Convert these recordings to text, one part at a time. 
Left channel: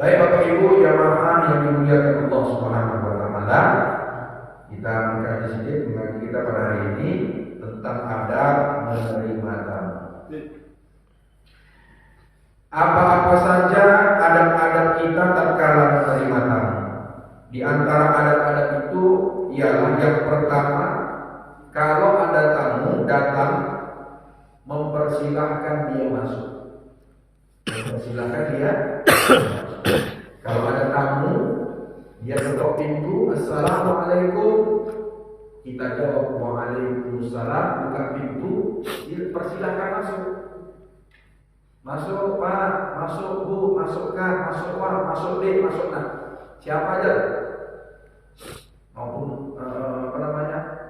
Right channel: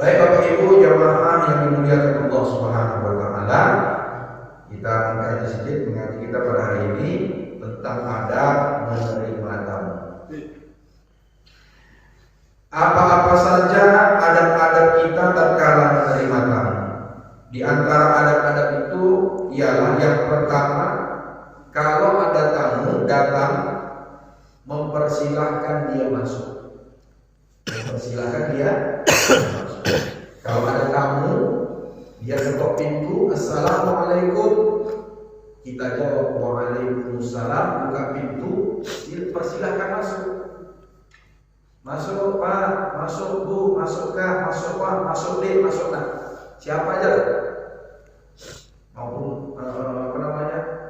Baik Bapak Ibu jamaah yang dimuliakan Allah Subhanahu wa taala, kita mengkaji sedikit mengaji kita pada hari ini tentang adab menerima tamu. Apa-apa saja adab-adab kita tatkala menerima tamu. Di antara adab-adab itu ialah yang pertama, kalau ada tamu datang, mempersilahkan dia masuk. Mempersilahkan dia masuk. Kalau ada tamu, dia ketok pintu, assalamualaikum, kita jawab waalaikumsalam, buka pintu, persilahkan masuk. Masuk Pak, masuk Bu, masuk Kak, masuk Pak, masuk D, masuk Nak. Siapa aja, maupun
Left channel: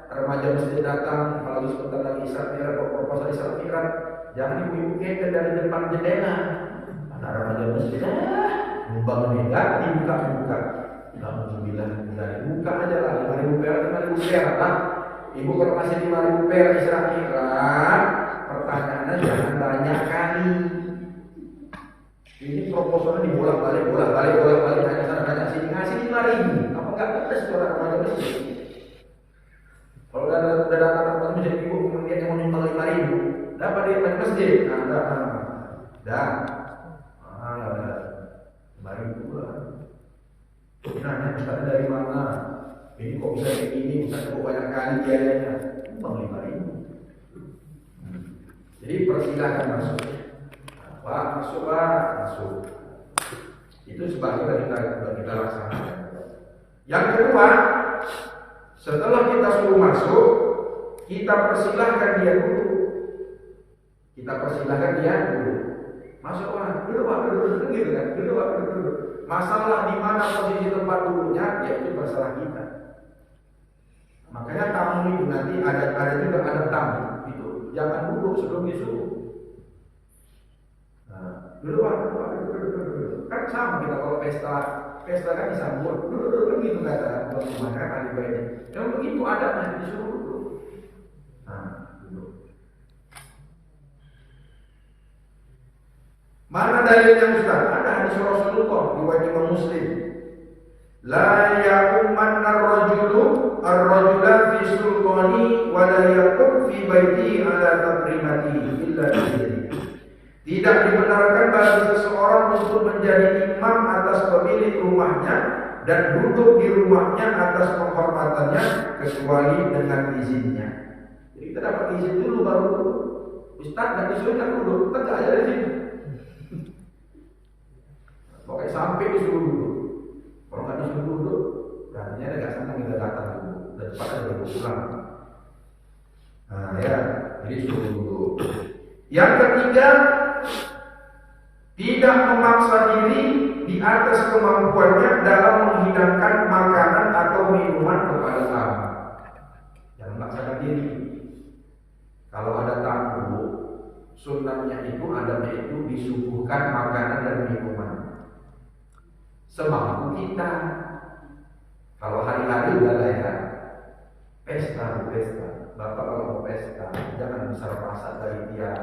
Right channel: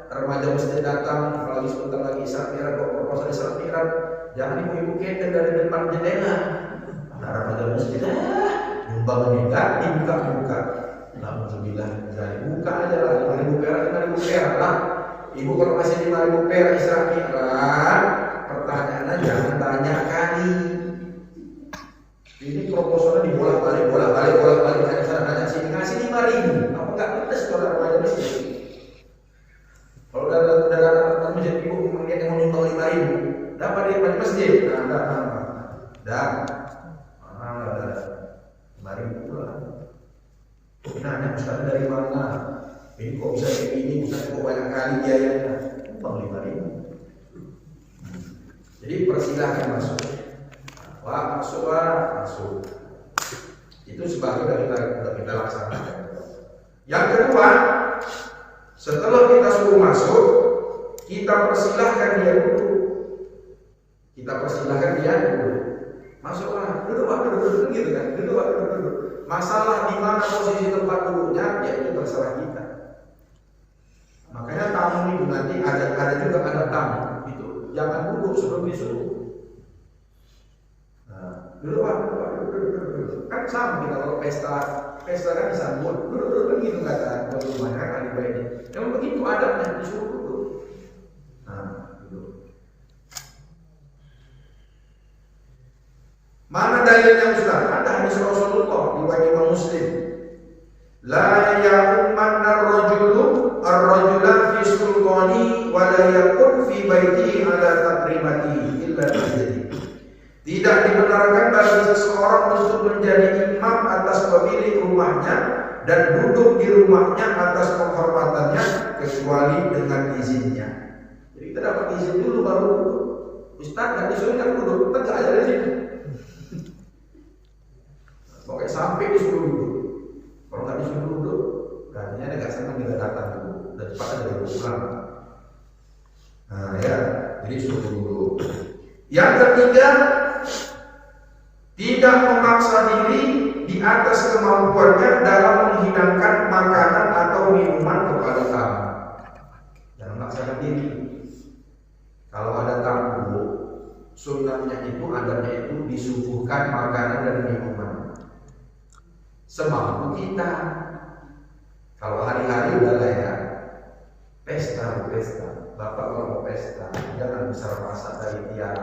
remaja masjid datang, apalagi sebentar lagi Isra Mi'raj, proposal Isra Mi'raj, jangan ibu-ibu keder dari depan jendela. Ada remaja masjid, nyumbang enggak, dibuka. Alhamdulillah, buka aja lah, 5.000 perak lah. Ibu kalau kasih 5.000 perak Isra Mi'raj, pertanyaannya jangan banyak kali. Ini proposalnya dibolak-balik, banyak sana, banyak sini, ngasih 5.000. Apa enggak pedes orang remaja masjid? Kalau udah datang ke masjid, ibu dia yang mau nyumbang 5.000, dapat dia remaja masjid. Dah. 5.000 pula. Nanya Ustaz dari mana? Ini kok bisa kayak gini? Ustaz kok banyak kali biayanya? Nyumbang 5.000. Jadi persilahkan masuk. Pak, masuk Pak, masuk. Itu sebagai kita laksanakan. Yang kedua, setelah kita suruh masuk, kita persilahkan dia dulu. Masuk Pak, duduk Pak, duduk gitu kan? Duduk Pak, duduk. Masalah di mana posisi tempat duduknya, ya itu terserah kita. Makanya tamu itu nanti ada juga ada tamu itu, jangan duduk sebelum disuruh. Duduk Pak, duduk. Kan sama kita kalau pesta kan disambut, duduk kan gitu kata buat rumahnya kan ahli baiknya. Memang begitu adabnya, disuruh duduk. Duduk. Mana dalilnya Ustaz? Ada hadis Rasulullah riwayat Imam Muslim. La ya'ummanna ar-rajula fi sultani wa la yakun fi baitihi ala taqrimatihi illa bi. Tidak dibenarkan bagi seseorang untuk menjadi imam atas pemilik rumahnya dan duduk di rumahnya atas penghormatannya kecuali dengan izinnya. Jadi kita dapat izin dulu baru duduk. Ustaz nggak disuruh jangan duduk, tegak aja dari sini. Pokoknya sampai disuruh duduk. Kalau nggak disuruh duduk, artinya dia nggak senang kita datang dulu dan cepat aja baru pulang. Jadi suruh duduk. Yang ketiga, tidak memaksa diri di atas kemampuannya dalam menghidangkan makanan atau minuman kepada tamu. Jangan memaksakan diri. Kalau ada tamu, sunnahnya itu adanya itu disuguhkan makanan dan minuman semampu kita. Kalau hari-hari udahlah ya, pesta. Bapak kalau mau pesta, jangan besar masak dari tiang.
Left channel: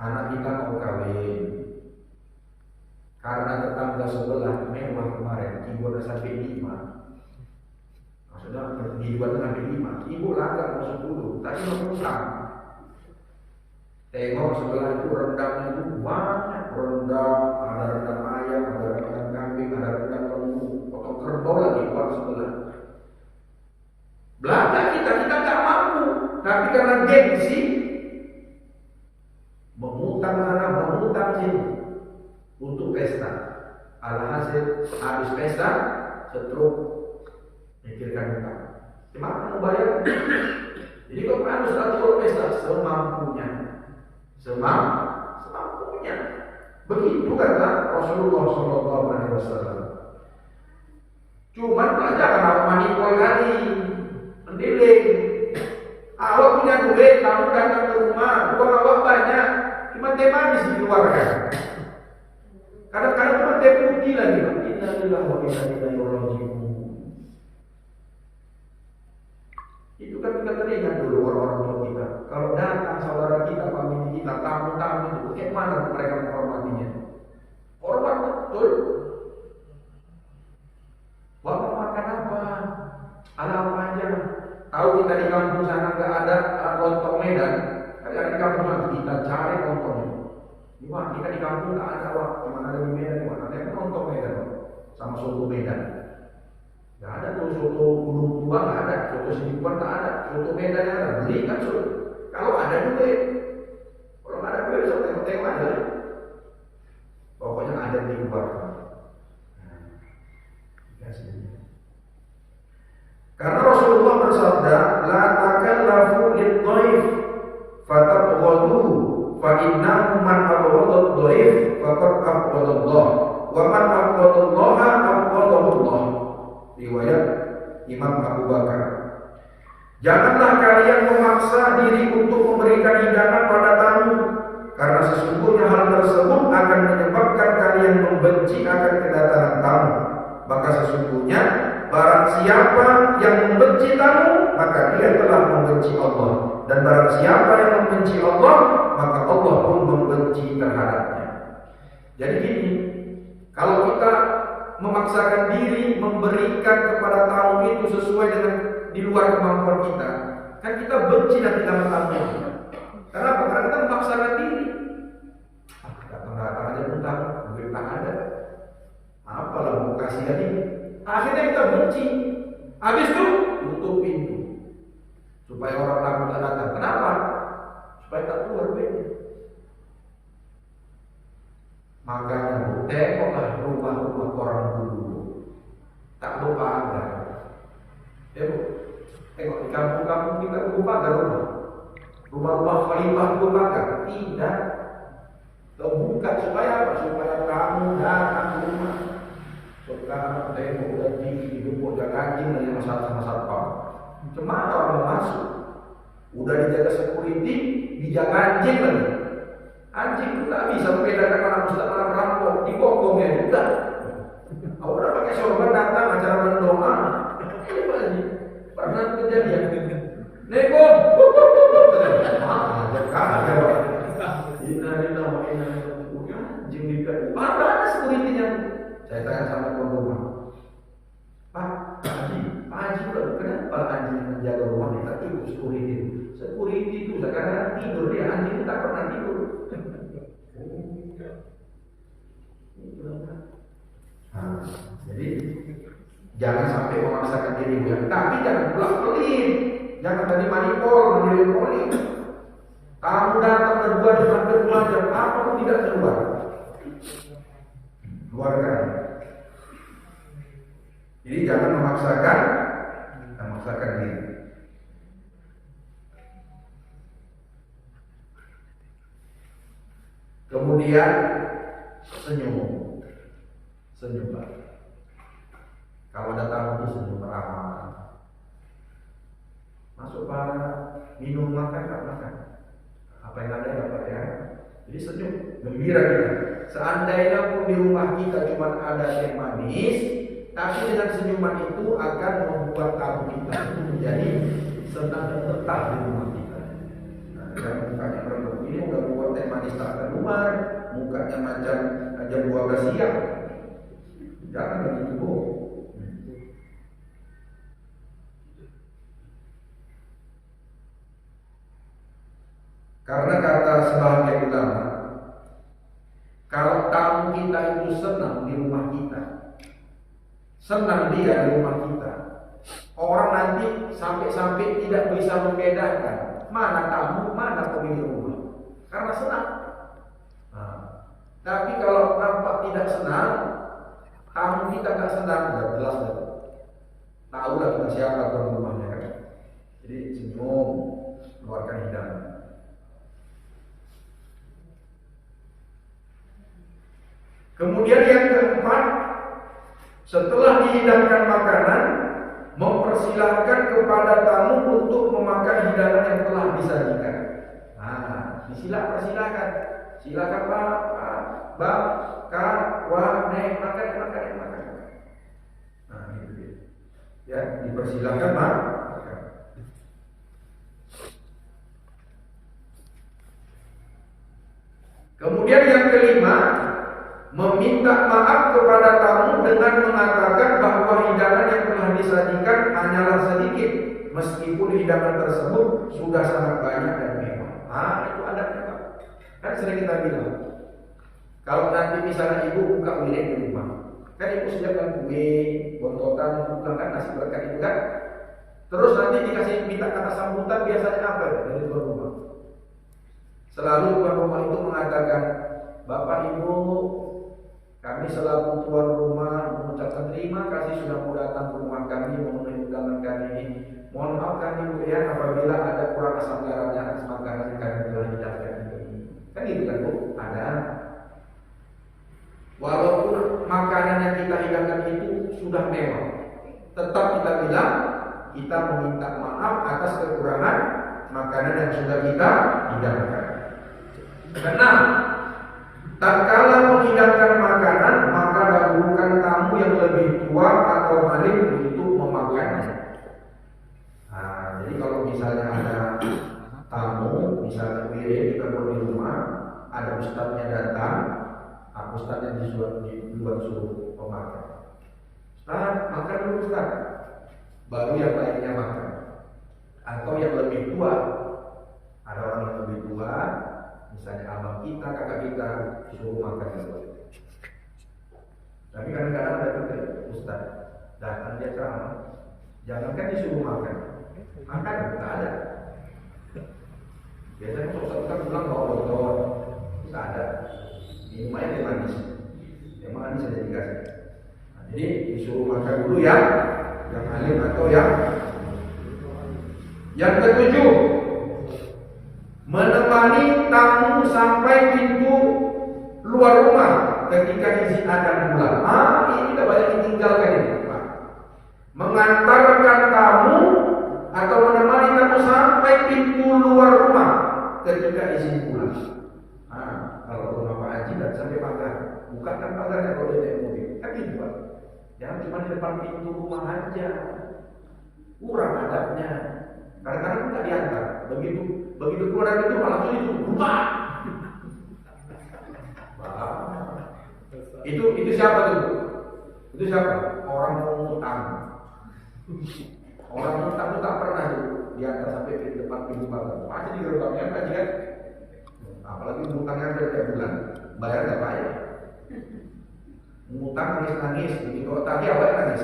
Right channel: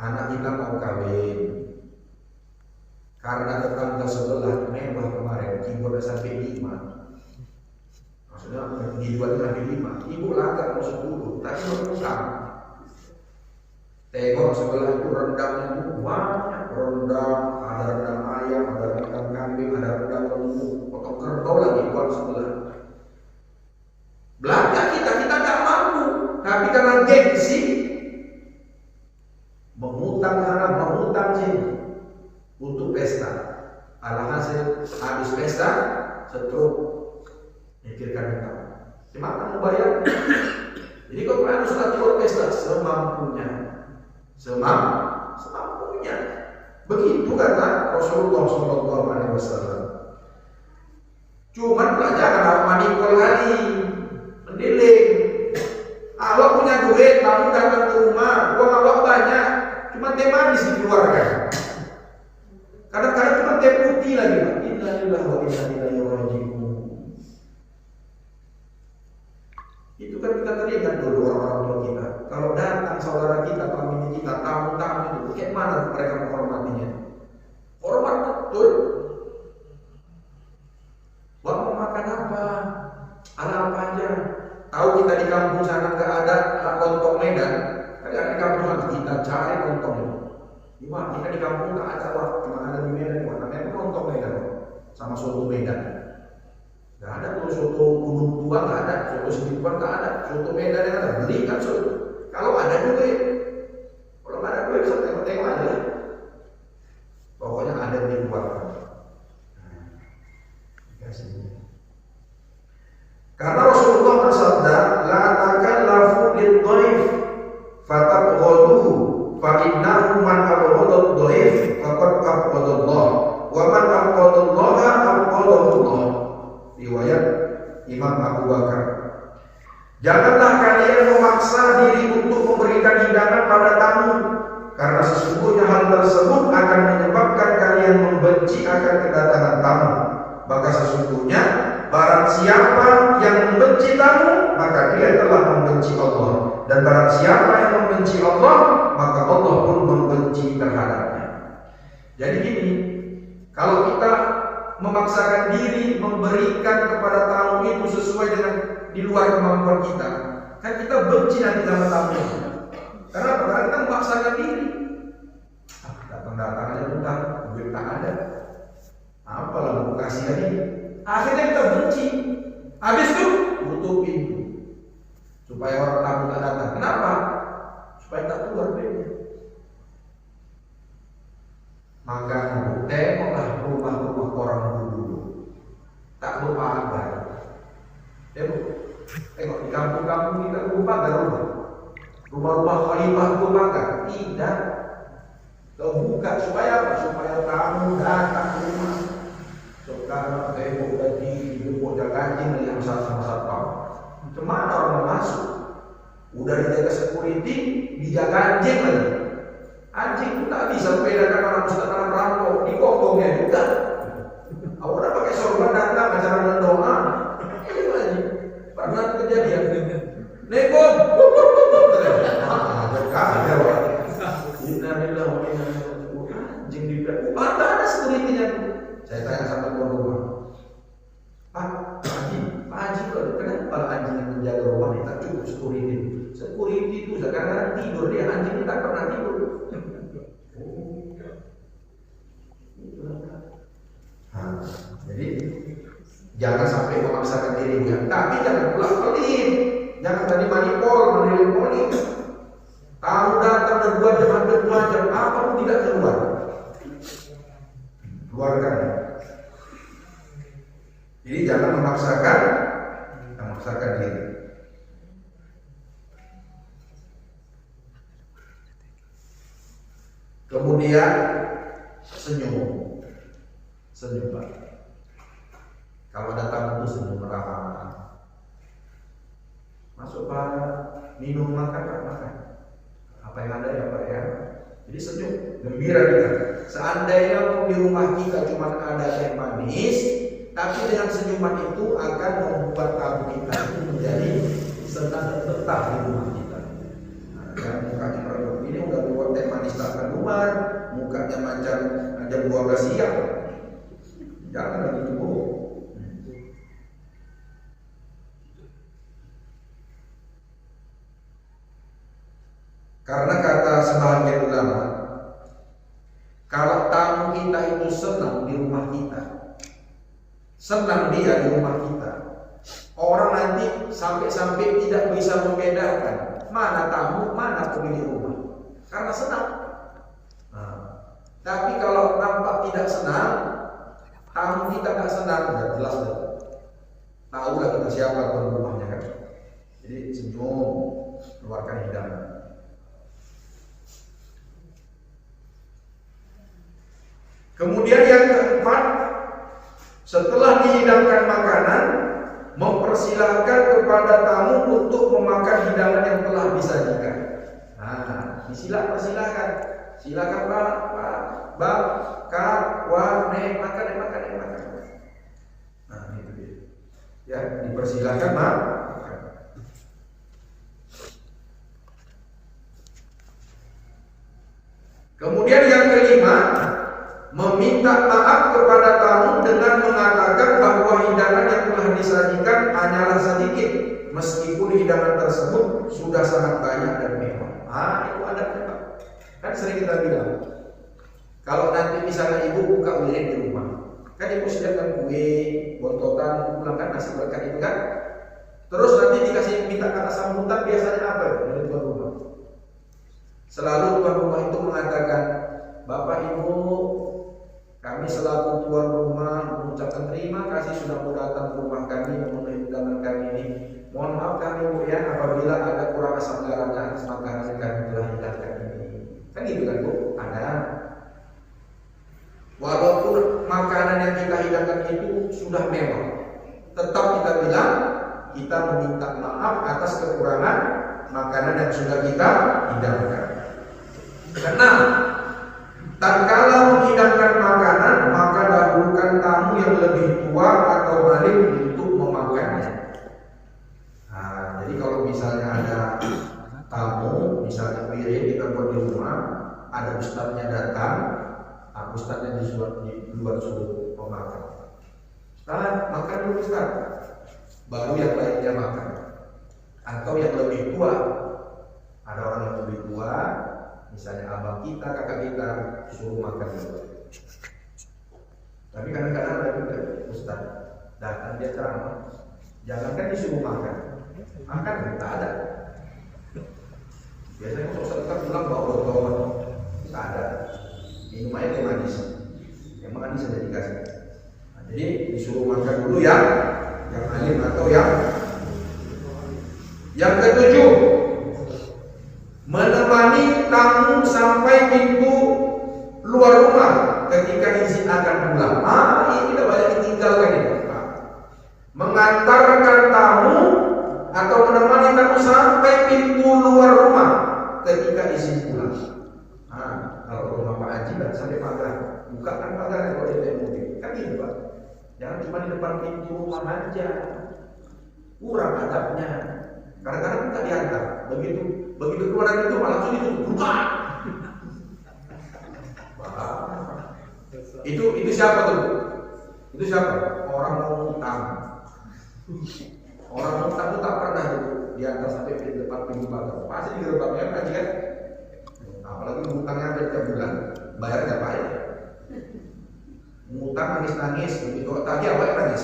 Anak kita mau kawin, karena tetangga sebelah mewah kemarin, keyboard sampai 5. Maksudnya dibuat sampai 5. Ibu langgar mau 10, tadi mau utang. Tengok sebelah itu rendangnya banyak, ada rendang ayam, ada rendang kambing, ada rendang lembu, potong kerbau lagi buat sebelah. Belanja kita nggak mampu, tapi karena gengsi mengutang sana, mengutang sini untuk pesta. Alhasil habis pesta, setruk mikirkan utang. Gimana mau bayar? Jadi kalau harus atur pesta semampunya. Begitu kata Rasulullah SAW. Cuman pelajaran apa manipul kali, mendiling. Awak punya duit, kamu datang ke rumah, uang awak banyak, cuma teh manis dikeluarkan. Kadang-kadang cuma teh putih lagi. Innalillahi wa inna ilaihi raji'un. Itu kan kita teringat dulu orang tua kita. Kalau datang saudara kita, famili kita, tamu-tamu itu, kayak mana mereka menghormatinya? Hormat burung tua nggak ada, soto Sedipan nggak ada, soto Medan nggak ada, beli kan soto. Kalau ada juga ya, kalau nggak ada duit bisa tengok-tengok aja lah. Pokoknya ada di luar. Karena Rasulullah bersabda, la takallafu lid-dhaif fatabghaduhu fa innahu man abghadha ad-dhaif faqad abghadha Allah wa man abghadha Allah abghadahu Allah. Riwayat Imam Abu Bakar. Janganlah kalian memaksa diri untuk memberikan hidangan pada tamu, karena sesungguhnya hal tersebut akan menyebabkan kalian membenci akan kedatangan tamu. Maka sesungguhnya barang siapa yang membenci tamu, maka dia telah membenci Allah. Dan barang siapa yang membenci Allah, maka Allah pun membenci terhadapnya. Jadi gini, kalau kita memaksakan diri memberikan kepada tamu itu sesuai dengan di luar kemampuan kita, kan kita benci nanti dengan tamu. Kenapa? Karena kita memaksakan diri. Datang-datang aja bentar, duit tak ada. Apalah mau kasih lagi? Akhirnya kita benci. Habis itu tutup pintu supaya orang tamu tak datang. Kenapa? Supaya tak keluar duitnya. Maka tengoklah rumah-rumah orang dulu. Tak lupa pagar. Tengok di kampung-kampung kita lupa pagar rumah. Rumah-rumah khalifah lupa pagar. Tidak. Terbuka supaya apa? Supaya kamu datang ke rumah. Sekarang tengok lagi jemput jaga anjing yang sama satpam. Kemana orang mau masuk? Udah dijaga security, dijaga anjing lagi. Anjing itu tak bisa membedakan mana ustaz mana perampok, dikongkongnya juga. Aku udah pakai sorban datang acara dan doa. Itu aja. Pernah kejadian. Nekom. Anjing di belakang. Ada security-nya. Saya tanya sama tuan rumah. Pak Haji pula kenapa anjing yang menjaga rumah ini tak cukup security? Security itu sekarang tidur dia, anjing tak pernah tidur. Jadi jangan sampai memaksakan diri ya. Tapi jangan pula pelit. Jangan tadi manipulin. Kamu datang berdua jam 2 jam apa pun tidak keluar. Keluarkan. Jadi jangan memaksakan diri. Kemudian senyum Pak. Kalau datang itu senyum ramah. Masuk Pak, minum makan. Apa yang ada ya Pak ya. Jadi senyum, gembira kita. Seandainya pun di rumah kita cuma ada teh manis, tapi dengan senyuman itu akan membuat tamu kita itu menjadi senang dan betah di rumah kita. Nah, dan mukanya merenggut ini udah buat teh manis tak keluar, mukanya macam jam 12 siang. Jangan lagi tunggu. Karena kata sebahagian ulama, kalau tamu kita itu senang di rumah kita, senang dia di rumah kita, orang nanti sampai tidak bisa membedakan mana tamu, mana pemilik rumah, karena senang. Nah, tapi kalau nampak tidak senang, tamu kita nggak senang, udah jelas dah. Tahu lah kita siapa tuan rumahnya kan. Jadi senyum, keluarkan hidangan. Kemudian yang keempat, setelah dihidangkan makanan, mempersilahkan kepada tamu untuk memakan hidangan yang telah disajikan. Nah, persilahkan. Silakan Pak, Bang, Kak, Wah, Nek, makan. Nah, itu dia. Ya, dipersilahkan makan. Kemudian yang kelima, meminta maaf kepada tamu dengan mengatakan bahwa hidangan yang telah disajikan hanyalah sedikit, meskipun hidangan tersebut sudah sangat banyak dan mewah. Itu adabnya Pak. Kan sering kita bilang, kalau nanti misalnya ibu buka wirid di rumah, kan ibu sediakan kue, bontotan, pulang kan nasi berkat itu kan, Terus nanti dikasih minta kata sambutan biasanya apa ya dari tuan rumah? Selalu tuan rumah itu mengatakan, Bapak Ibu, kami selaku tuan rumah mengucapkan terima kasih sudah mau datang ke rumah kami memenuhi undangan kami ini. Mohon maaf kami Bu ya apabila ada kurang asam garamnya atas makanan yang kami telah hidangkan ini. Kan gitu kan Bu? Ada. Walaupun makanan yang kita hidangkan itu sudah mewah, tetap kita bilang kita meminta maaf atas kekurangan makanan yang sudah kita hidangkan. Karena tatkala menghidangkan makanan, maka dahulukan tamu yang lebih tua atau alim untuk memakannya. Nah, jadi kalau misalnya ada tamu, misalnya piring kita buat di rumah, ada ustadznya datang, ustadznya di luar suruh pemakan. Ustadz, makan dulu Ustadz. Baru yang lainnya makan. Atau yang lebih tua, ada orang yang lebih tua, misalnya abang kita, kakak kita, suruh makan dulu. Tapi kadang-kadang ada juga Ustaz datang dia ceramah, jangankan disuruh makan, makan tak ada. Biasanya Ustaz kita pulang bawa botol, tak ada. Minumannya teh manis, yang manis saja dikasih. Nah, jadi disuruh makan dulu yang alim atau yang ketujuh, menemani tamu sampai pintu luar rumah ketika izin akan pulang. Ini tidak banyak ditinggalkan ini, Pak. Mengantarkan tamu atau menemani tamu sampai pintu luar rumah ketika izin pulang. Kalau rumah Pak Haji dan sampai pagar, bukakan pagarnya kalau dia naik mobil. Kan gitu Pak. Jangan cuma di depan pintu rumah aja. Kurang adabnya. Kadang-kadang nggak diantar. Begitu keluar dari itu malah langsung ditutup. Buka. Itu siapa tuh? Itu siapa? Orang mau ngutang. Orang ngutang itu tak pernah tuh diantar sampai di depan pintu pagar. Pasti di gerbangnya Haji kan. Apalagi ngutangnya ada tiap bulan, bayar nggak payah. Ngutang nangis-nangis, begitu tagih awalnya nangis.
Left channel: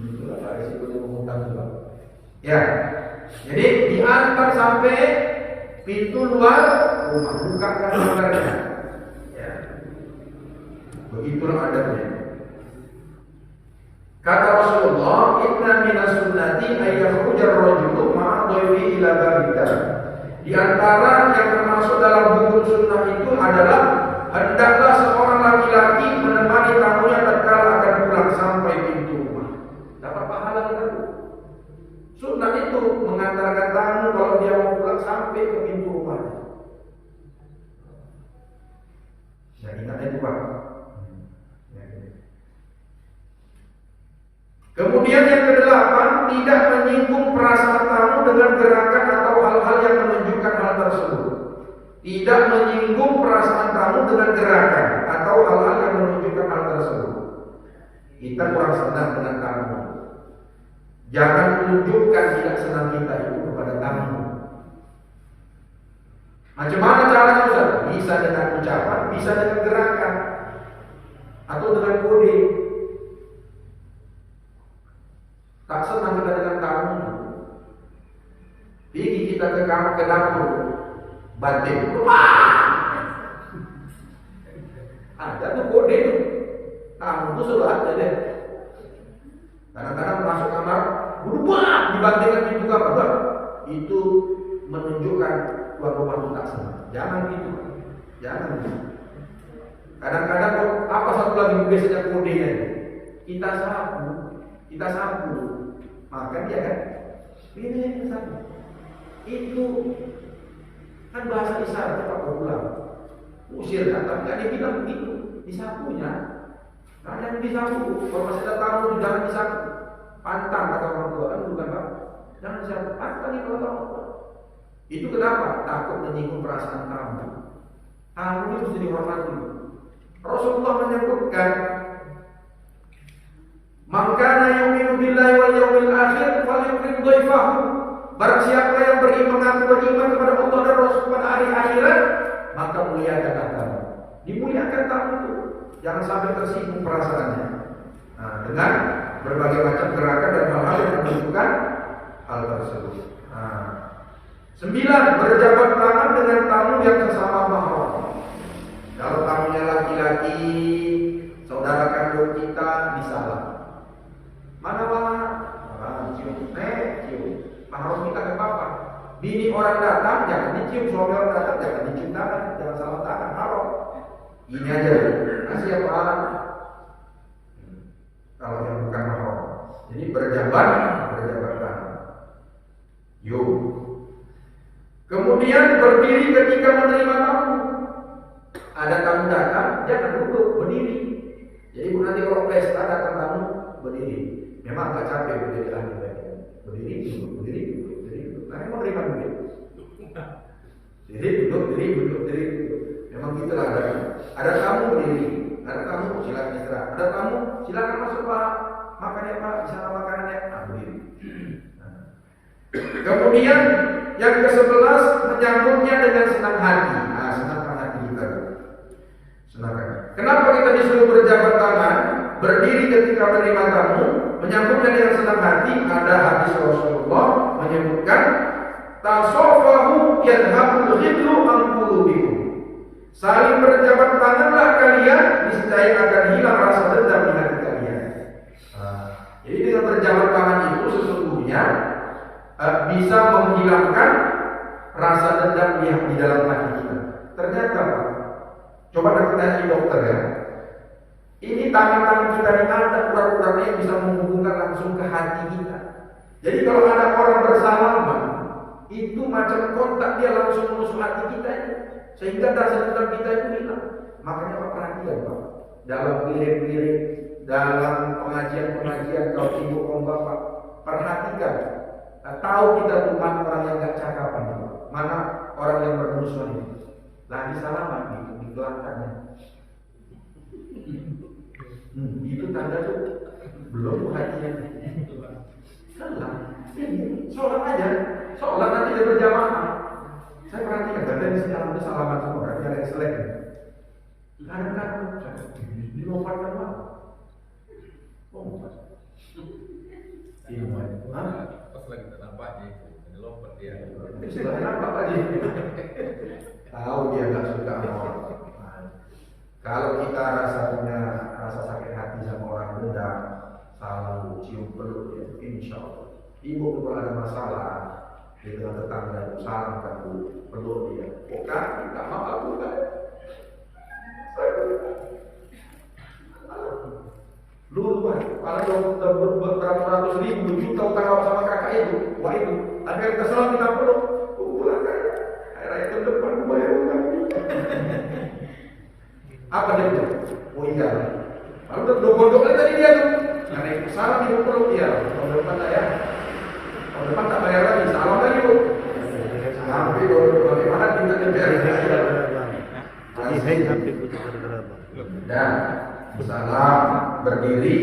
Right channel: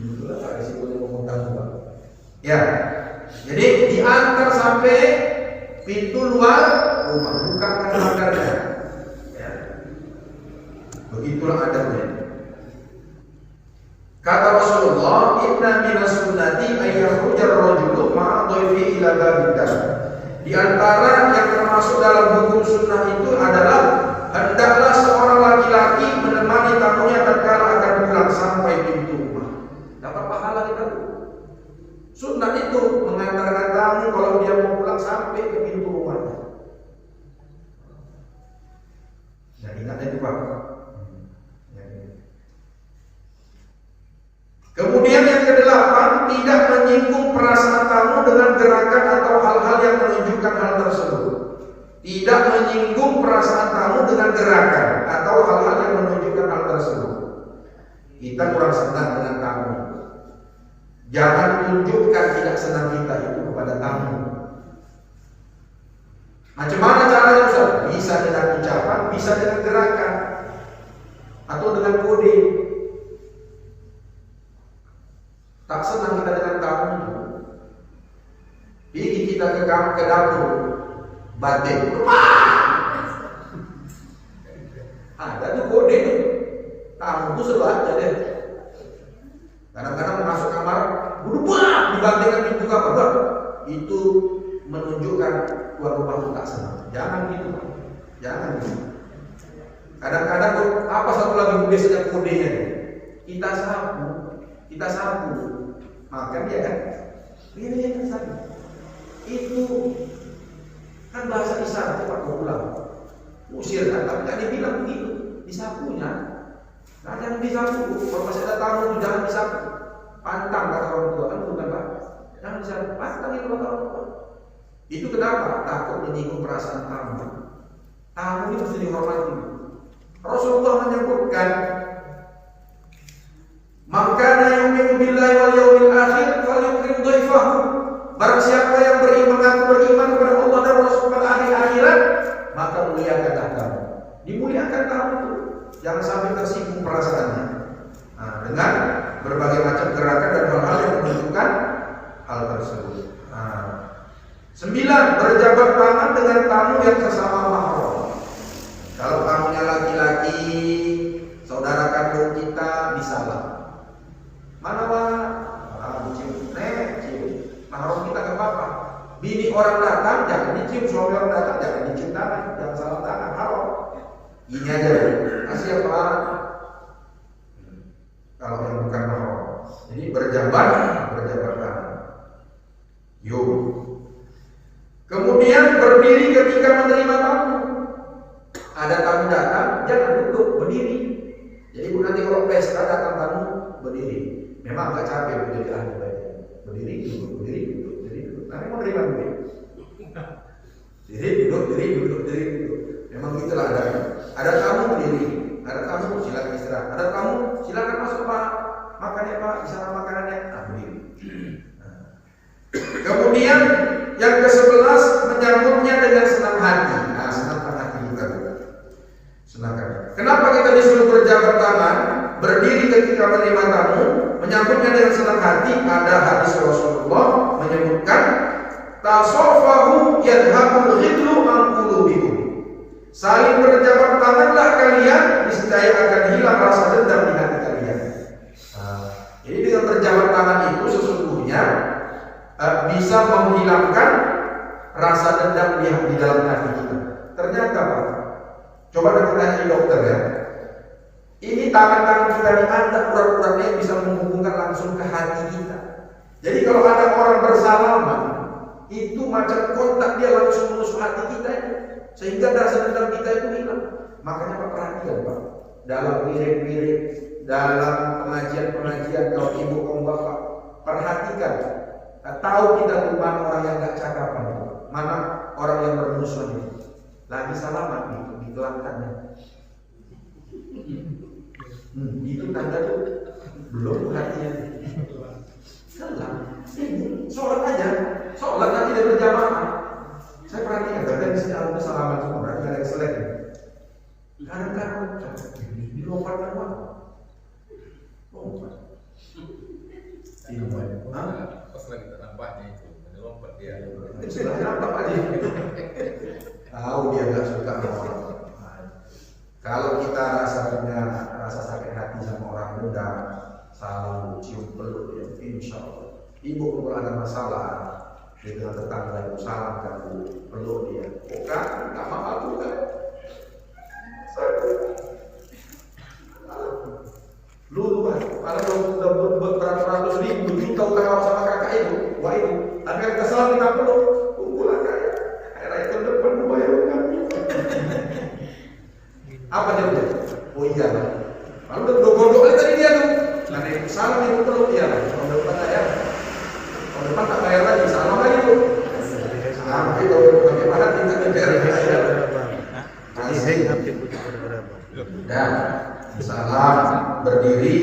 Itulah Pak risikonya mengutang juga. Ya, jadi diantar sampai pintu luar rumah, bukakan pagarnya. Ya, begitulah adabnya. Kata Rasulullah, inna minas sunnati ayyakhrujar rajulu ma'a dhaifi ila babid dar. Di antara yang termasuk dalam hukum sunnah itu adalah hendaklah seorang laki-laki menemani tamunya tatkala akan pulang sampai pintu rumah. Dapat pahala kita. Sunnah itu mengantarkan tamu kalau dia mau pulang sampai ke pintu rumahnya. Ya ingat itu Pak. Kemudian yang kedelapan, tidak menyinggung perasaan tamu dengan gerakan atau hal-hal yang menunjukkan hal tersebut. Tidak menyinggung perasaan tamu dengan gerakan atau hal-hal yang menunjukkan hal tersebut. Kita kurang senang dengan tamu. Jangan tunjukkan tidak senang kita itu kepada tamu. Macam mana caranya Ustaz? Bisa dengan ucapan, bisa dengan gerakan, atau dengan kode. Tak senang kita dengan tamu, pergi kita ke dapur, banting, ada tuh kode tuh, tamu tuh selalu ada deh. Kadang-kadang masuk kamar, berubah, dibantingkan pintu kamar, itu menunjukkan tuan rumah itu tak senang. Jangan gitu, jangan gitu. Kadang-kadang apa satu lagi biasanya kodenya, kita sapu. Makan dia kan, ini yang sapu. Itu kan bahasa isyarat Pak berulang. Usir kan, tapi nggak dibilang begitu. Disapunya, nggak ada yang disapu. Kalau masih ada tamu itu jangan disapu. Pantang kata orang tua kan bukan Pak. Jangan disapu. Pantang itu kata orang tua. Itu kenapa? Takut menyinggung perasaan tamu. Tamu itu mesti dihormati. Rasulullah menyebutkan, "Maka yu'minu billahi wal yawmil akhir falyukrim dhaifahu." Barang siapa yang beriman kepada Allah dan Rasul pada hari akhirat, maka muliakanlah kamu. Dimuliakan tamu itu. Jangan sampai tersinggung perasaannya. Nah, dengan berbagai macam gerakan dan hal-hal yang menunjukkan hal tersebut. 9. Berjabat tangan dengan tamu yang sesama mahram. Kalau tamunya laki-laki, saudara kandung kita disalah. Mana? Cium. Cium. Mahram kita ke papa. Bini orang datang jangan dicium, suami orang datang jangan dicium tangan, jangan salam tangan, haram. Ini aja. Kasih apa? Kalau yang bukan mahram. Jadi berjabat tangan. Yuk. Kemudian berdiri ketika menerima tamu. Ada tamu datang, jangan duduk, berdiri. Jadi nanti kalau pesta datang tamu, berdiri. Memang agak capek menjadi ahli baik. Berdiri, duduk. Nanti mau terima duit. Diri, duduk. Memang gitulah ada tamu berdiri, ada tamu silakan istirahat, ada tamu silakan masuk Pak, makan ya Pak, di sana makanannya, berdiri. Kemudian yang ke-11 menyambutnya dengan senang hati. Senangkan hati kita. Senangkan. Kenapa kita disuruh berjabat tangan, berdiri ketika menerima tamu, menyambutnya dengan senang hati? Ada hadis Rasulullah menyebutkan, tasofahu yadhabul ghidlu an qulubikum. Saling berjabat tanganlah kalian, niscaya akan hilang rasa dendam di hati kalian. Jadi dengan berjabat tangan itu sesungguhnya bisa menghilangkan rasa dendam di dalam hati kita. Ternyata Pak, coba kita tanya dokter ya. Ini tangan-tangan kita diangkat, urat-uratnya bisa menghubungkan langsung ke hati kita. Jadi kalau ada orang bersalaman, itu macam kontak dia langsung menusuk hati kita itu, sehingga rasa dendam kita itu hilang. Makanya Pak perhatikan Pak, dalam wirid-wirid, dalam pengajian-pengajian kalau ibu om bapak perhatikan, tahu kita tuh mana orang yang gak cakapan, mana orang yang bermusuhan itu. Lagi salaman gitu, digelangkannya. Itu tanda tuh belum hatinya. Selam, sholat aja, sholat nanti dia berjamaah. Saya perhatikan, kadang di sini ada salaman semua, berarti ada yang selek. Kadang-kadang dilompatkan Pak. Lompat. Pas lagi nampaknya itu lompat dia. Itu sudah nampak aja. Tahu dia gak suka sama orang. Kalau kita punya rasa sakit hati sama orang benda, selalu cium peluk ya, insya Allah. Ibu kalau ada masalah dengan tetangga itu salam kamu peluk dia. Bukan, nggak mau aku kan. Lu kan, kalau udah beratus ribu juta utang sama kakak itu, wah itu. Tapi kita salam kita peluk, pulang kan. Hari raya tahun depan gue bayar utang. Apa dia bilang? Oh iya lah. Lalu udah gondok kali tadi dia tuh. Karena itu salam ibu peluk dia lah. Tahun depan saya, tahun depan tak bayar lagi, salam lagi bu. Tapi kalau bagaimana kita kejar saya? Dan salam berdiri,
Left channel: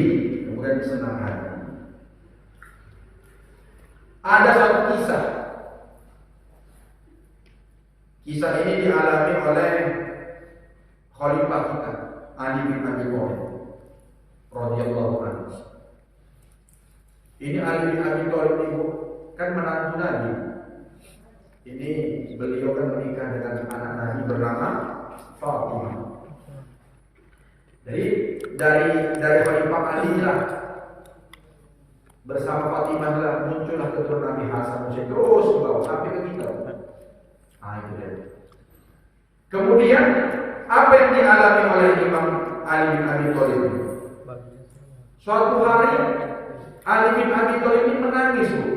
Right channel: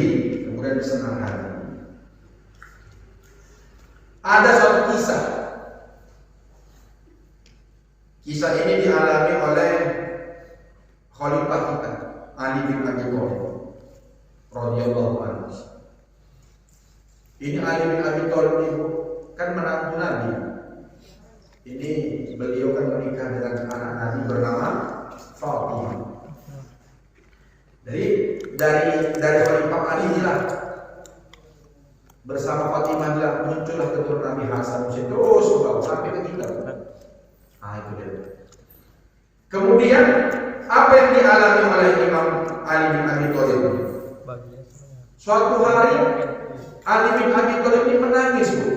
kemudian senang hati. Ada suatu kisah. Kisah ini dialami oleh Khalifah kita, Ali bin Abi Thalib radhiyallahu anhu. Ini Ali bin Abi Thalib itu kan menantu Nabi. Ini beliau kan menikah dengan anak Nabi bernama Fatimah. Jadi dari Khalifah Ali lah bersama Fatimah lah muncullah keturunan Nabi Hasan Husain terus bawa sampai ke kita. Itu dia. Kemudian apa yang dialami oleh Imam Ali bin Abi Thalib? Suatu hari Ali bin Abi Thalib ini menangis, Bu.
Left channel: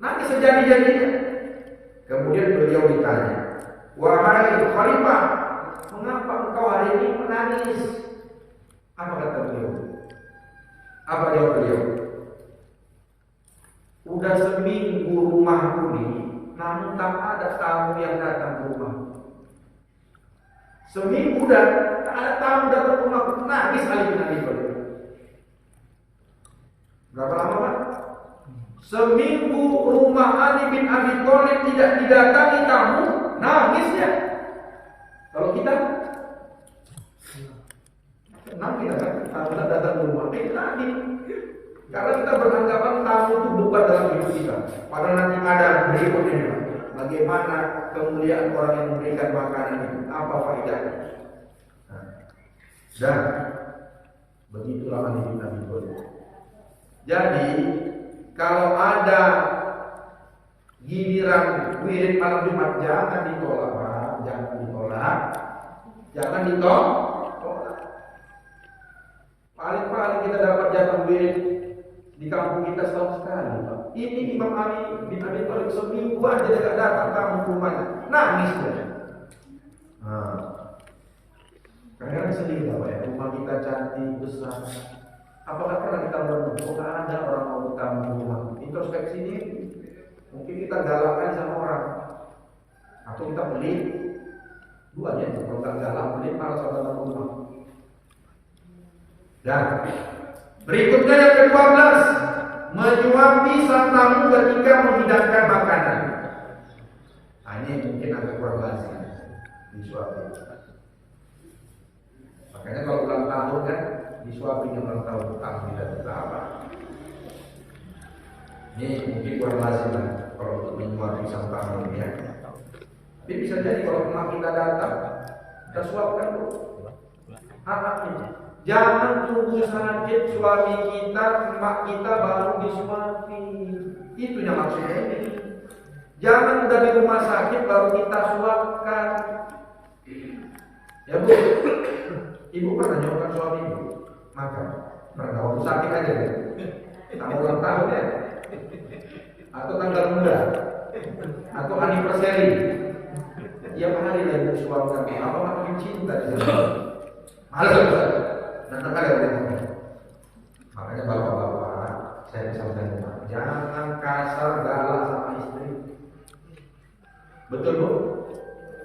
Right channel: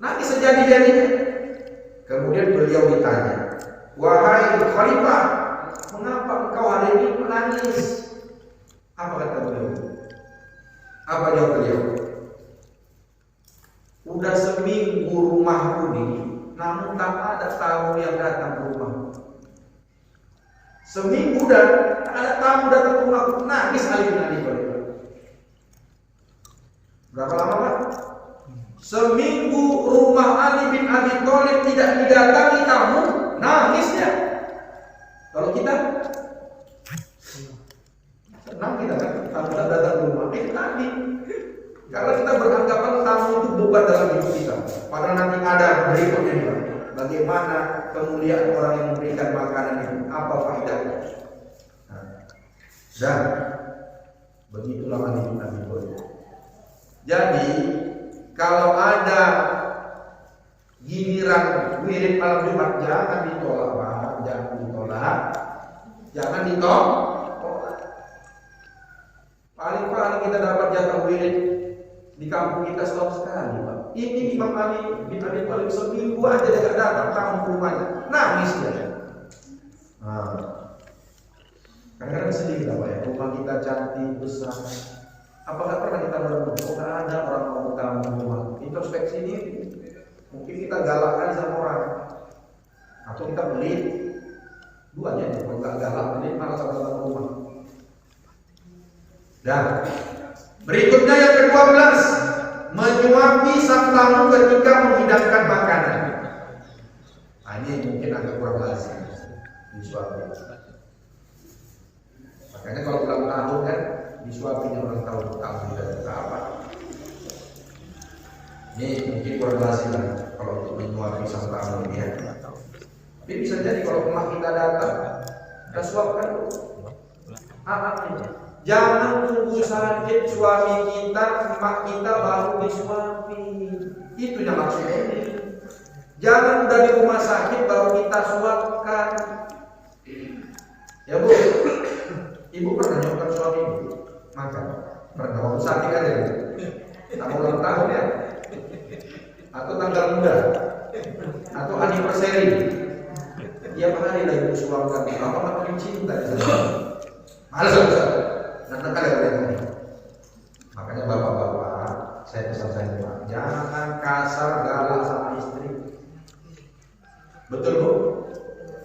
Nangis sejadi-jadinya. Kemudian beliau ditanya, "Wahai Khalifah, mengapa engkau hari ini menangis?" Apa kata beliau? Apa jawab beliau? Udah seminggu rumahku ini, namun tak ada tamu yang datang ke rumah. Seminggu dan tak ada tamu datang ke rumahku. Nangis Ali bin Abi Thalib. Berapa lama Pak? Seminggu rumah Ali bin Abi Thalib tidak didatangi tamu, nangis dia. Kalau kita senang kita kan, tamu tak datang ke rumah. bukan dalam hidup kita. Padahal nanti ada berikutnya nih, Pak. Bagaimana kemuliaan orang yang memberikan makanan itu? Apa faedahnya? Nah, dan begitulah Ali bin Abi Thalib. Jadi kalau ada giliran wirid malam Jumat jangan ditolak, Pak. Jangan ditolak. Jangan ditolak. Paling-paling kita dapat jatah wirid di kampung kita setahun sekali, Pak. Ini Imam Ali bin Abi Thalib seminggu aja dia gak datang tamu ke rumahnya, nangis dia. Nah, kadang-kadang sedih lah, Pak ya. Rumah kita cantik besar. Apakah pernah kita merenung? Kok gak ada orang mau tamu ke rumah? Introspeksi diri. Mungkin kita galak kali sama orang, atau kita pelit. Duanya itu, kalau gak galak pelit malah sama tamu rumah. Dan berikutnya yang ke-12, menyuapi sang tamu ketika menghidangkan makanan. Nah, ini mungkin agak kurang lazim disuapi. Makanya kalau ulang tahun kan disuapinya ulang tahun tamu tidak apa. Ini mungkin kurang lazim lah kalau untuk menyuapi sang tamu ya. Tapi bisa jadi kalau rumah kita datang, kita suapkan dulu. Ini. Jangan tunggu sakit suami kita, emak kita baru disuapi. Itu yang maksudnya ini. Jangan udah di rumah sakit baru kita suapkan. Ya Bu, Ibu pernah nyuapkan suami Ibu makan? Pernah waktu sakit aja ya? Sama ulang tahun ya? Atau tanggal muda? Atau anniversary? Tiap hari lah Ibu suapkan. Apa makin cinta di sana? Malas ya? Makanya bapak-bapak, saya pesan Pak, jangan kasar galak sama istri. Betul Bu?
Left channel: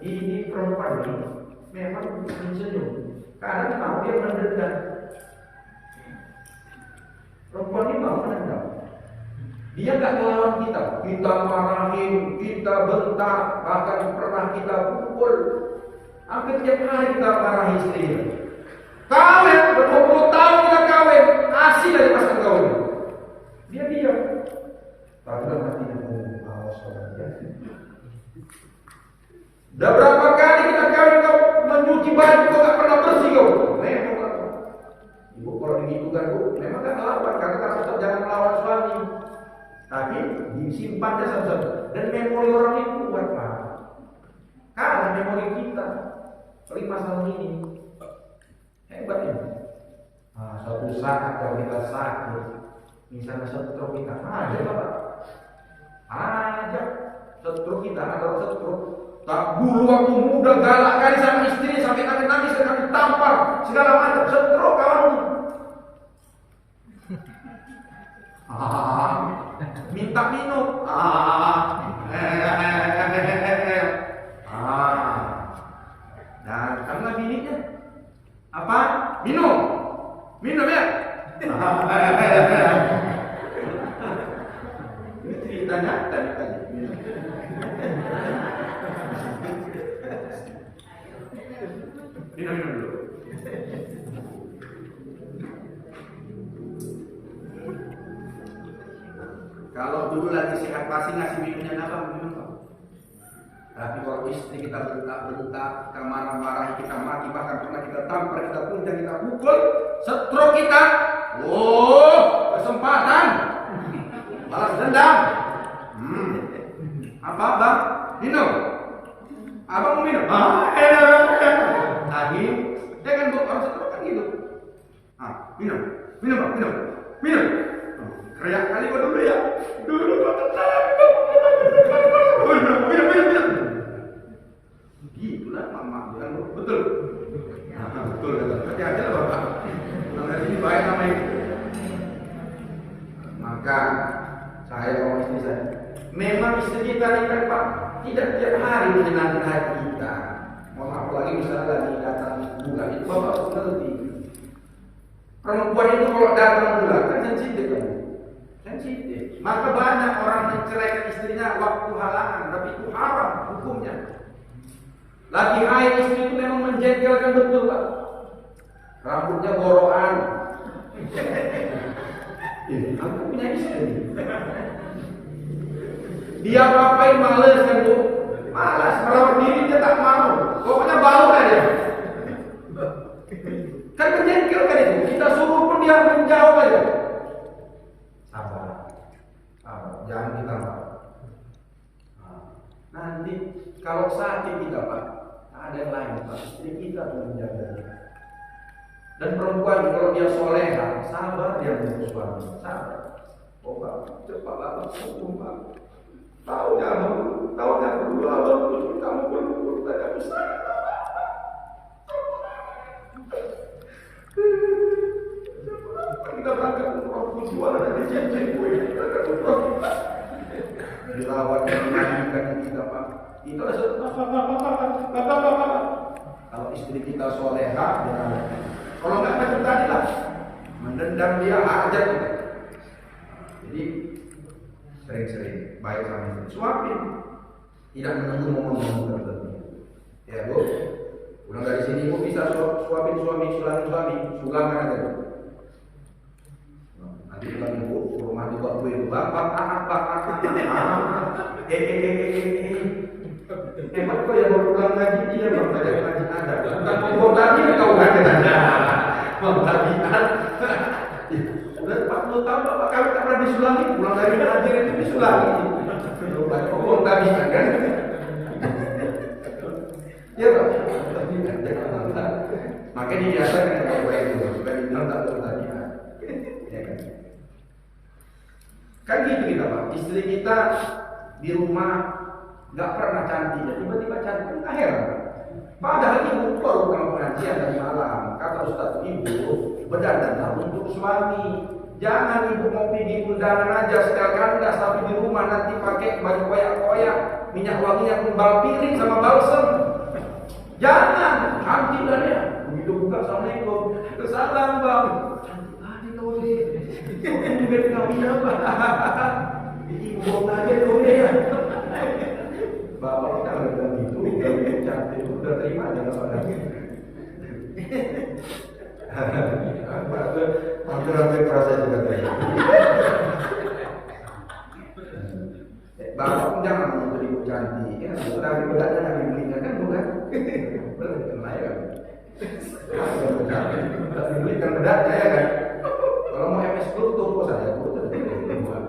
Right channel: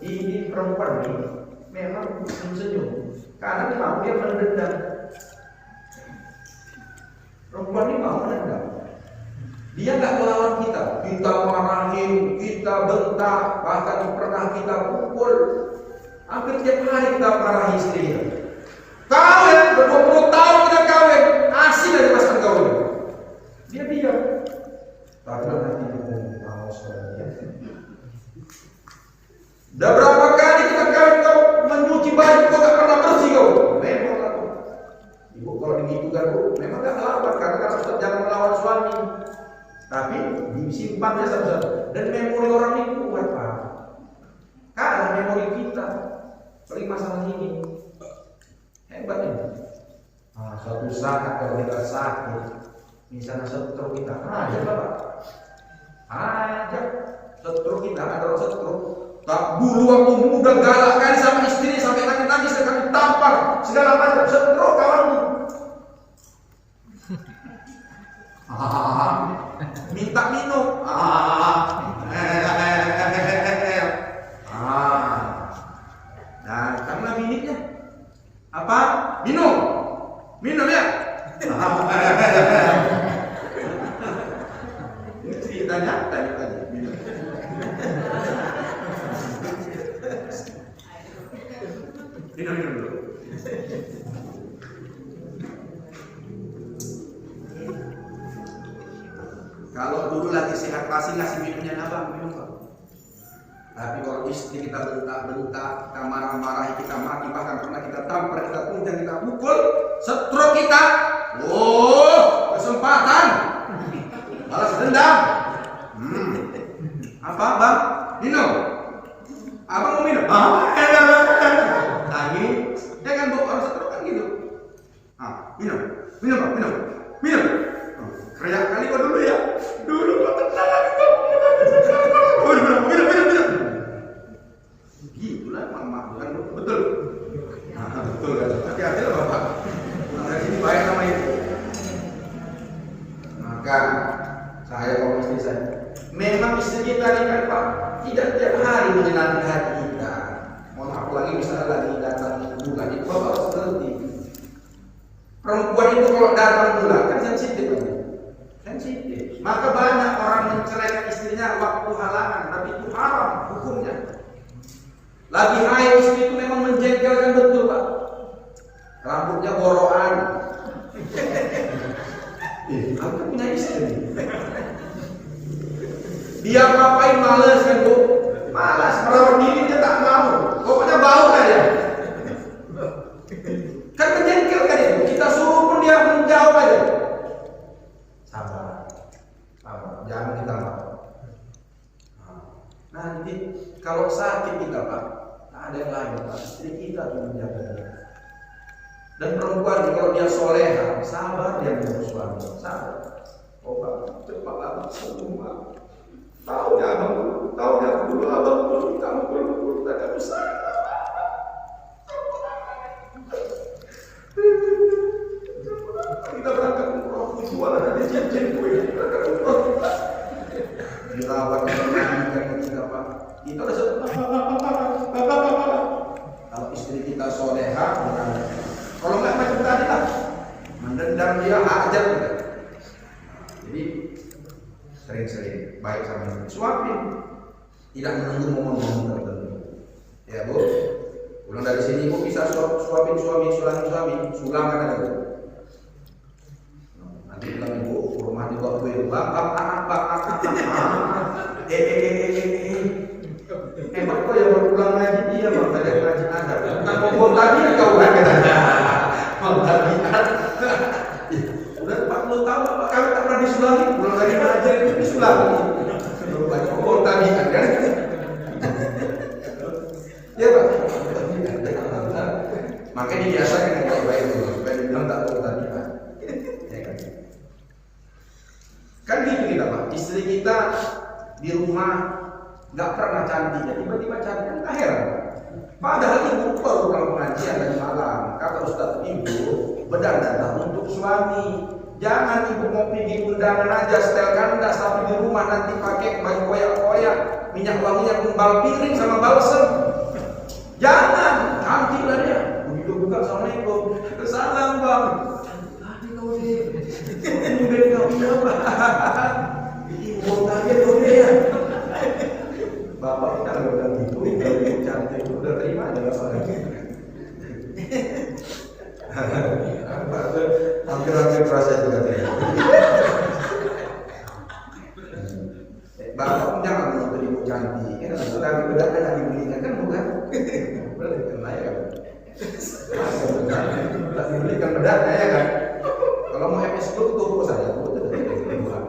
Ini perempuan ini memang senyum karena mau dia menendam. Perempuan ini mau menendam. Dia nggak melawan kita, kita marahin, kita bentak, bahkan pernah kita pukul. Hampir tiap hari kita marahi istri kita. Kawin, ber-20 tahun kita kawin, asing dari pasangan kawin. Dia diam. Tapi dalam hatinya, awas dia. Udah berapa kali kita kawin kau mencuci baju kau gak pernah bersih kau. Memang lah. Ibu kalau begitu kan Bu, memang gak melawan karena kan Ustaz jangan melawan suami. Tapi disimpannya satu-satu. Dan memori orang ini kuat Pak. Kalah memori kita. Paling masalah ini. Hebat ini. Nah, suatu saat kalau kita sakit, misalnya stroke kita, aja Bapak, aja stroke kita ada orang stroke. Tak dulu waktu muda galak kali sama istri sampai nangis-nangis kami tampar segala macam stroke kawanku. Minta minum. Nah, karena minitnya apa? Minum ya. Ini ceritanya tadi minum. Minum dulu. Kalau dulu lagi sehat pasti ngasih minumnya apa? Minum Pak. Tapi kalau istri kita bentak, kita marah-marahi, kita maki, bahkan pernah kita tampar, kita tuntang, kita pukul, stroke kita, kesempatan, balas dendam. Apa Bang? Minum. Abang mau minum? Nangis. Ya kan Bu, orang stroke kan gitu. Minum Bang, minum. Keriak kali kok dulu ya. Dulu kok tenang, minum. Gitulah mak kan betul. Betul kan. Hati-hati lah Bapak. Pulang dari sini baik nama Ibu. Maka saya sama istri saya, memang istri kita ini Pak tidak tiap hari menyenangkan hati kita. Mohon maaf lagi misalnya lagi datang bulan itu Bapak harus ngerti. Perempuan itu kalau datang bulan kan sensitif kan. Sensitif. Maka banyak orang menceraikan istrinya waktu halangan, tapi itu haram hukumnya. Lagi haid istri itu memang menjengkelkan betul Pak. Rambutnya boroan. Aku kan punya istri. Dia ngapain males kan Bu? Malas, merawat diri dia tak mau. Pokoknya bau aja. Kan menjengkelkan itu. Kita suruh pun dia menjauh aja. Sabar, sabar. Jangan kita marah. Nanti kalau sakit kita Pak, tak ada yang lain Pak. Istri kita tuh menjaga dia. Dan perempuan kalau dia soleha, sabar dia mengurus suami. Sabar. Oh Pak, cepat Pak, semua. Tahunya abang dulu, abang dulu, kamu belum tak bisa. Kita berangkat umroh, jualan ada cincin kue. Berangkat umroh. Dirawat, dimandikan kita Pak. Kita udah kalau istri kita soleha, dirawat. Kalau nggak macam tadi lah, mendendam dia hajat kita. Jadi sering-sering baik sama istri, suapin, tidak menunggu momen-momen tertentu. Ya Bu, pulang dari sini Bu bisa suapin suami, sulangin suami, sulang kan ada Bu. Nanti pulang Ibu, rumah dibawa kue, bapak anak. Hebat kok ya baru pulang ngaji dia, bang tadi ngaji ada. Bukan ngomong tadi kau ada. Bang tadi ada. Udah 40 tahun Bapak kami tak pernah disulangi, pulang dari ngaji itu disulangi. Lupa ngomong tadi kan. Ya Pak. Makanya dibiasakan yang baik itu supaya dibilang tak perlu tadi. Ya kan. Kan gitu kita Pak. Istri kita di rumah nggak pernah cantik, ya tiba-tiba cantik kan tak heran. Padahal ibu baru pulang pengajian tadi malam. Kata Ustadz, ibu berdandanlah untuk suami. Jangan ibu mau pergi undangan aja setel kandas, tapi di rumah nanti pakai baju koyak-koyak, minyak wanginya kumbal piring sama balsem. Jangan, cantik lah dia. Begitu buka, assalamualaikum. Salam bang. Cantik tadi kau deh. Mungkin kau iya Pak. Ibu tadi kau dia. Bapak kita kalau bilang gitu, kalau itu cantik itu udah terima aja lah Pak. Hampir proses juga terima. Bapak pun jangan menuntut ibu cantik, kan? Tapi bedaknya nggak dibelikan kan bukan? Boleh kan lah ya kan? Tak dibelikan bedaknya ya kan? Kalau mau MS Club toko saya, itu bukan.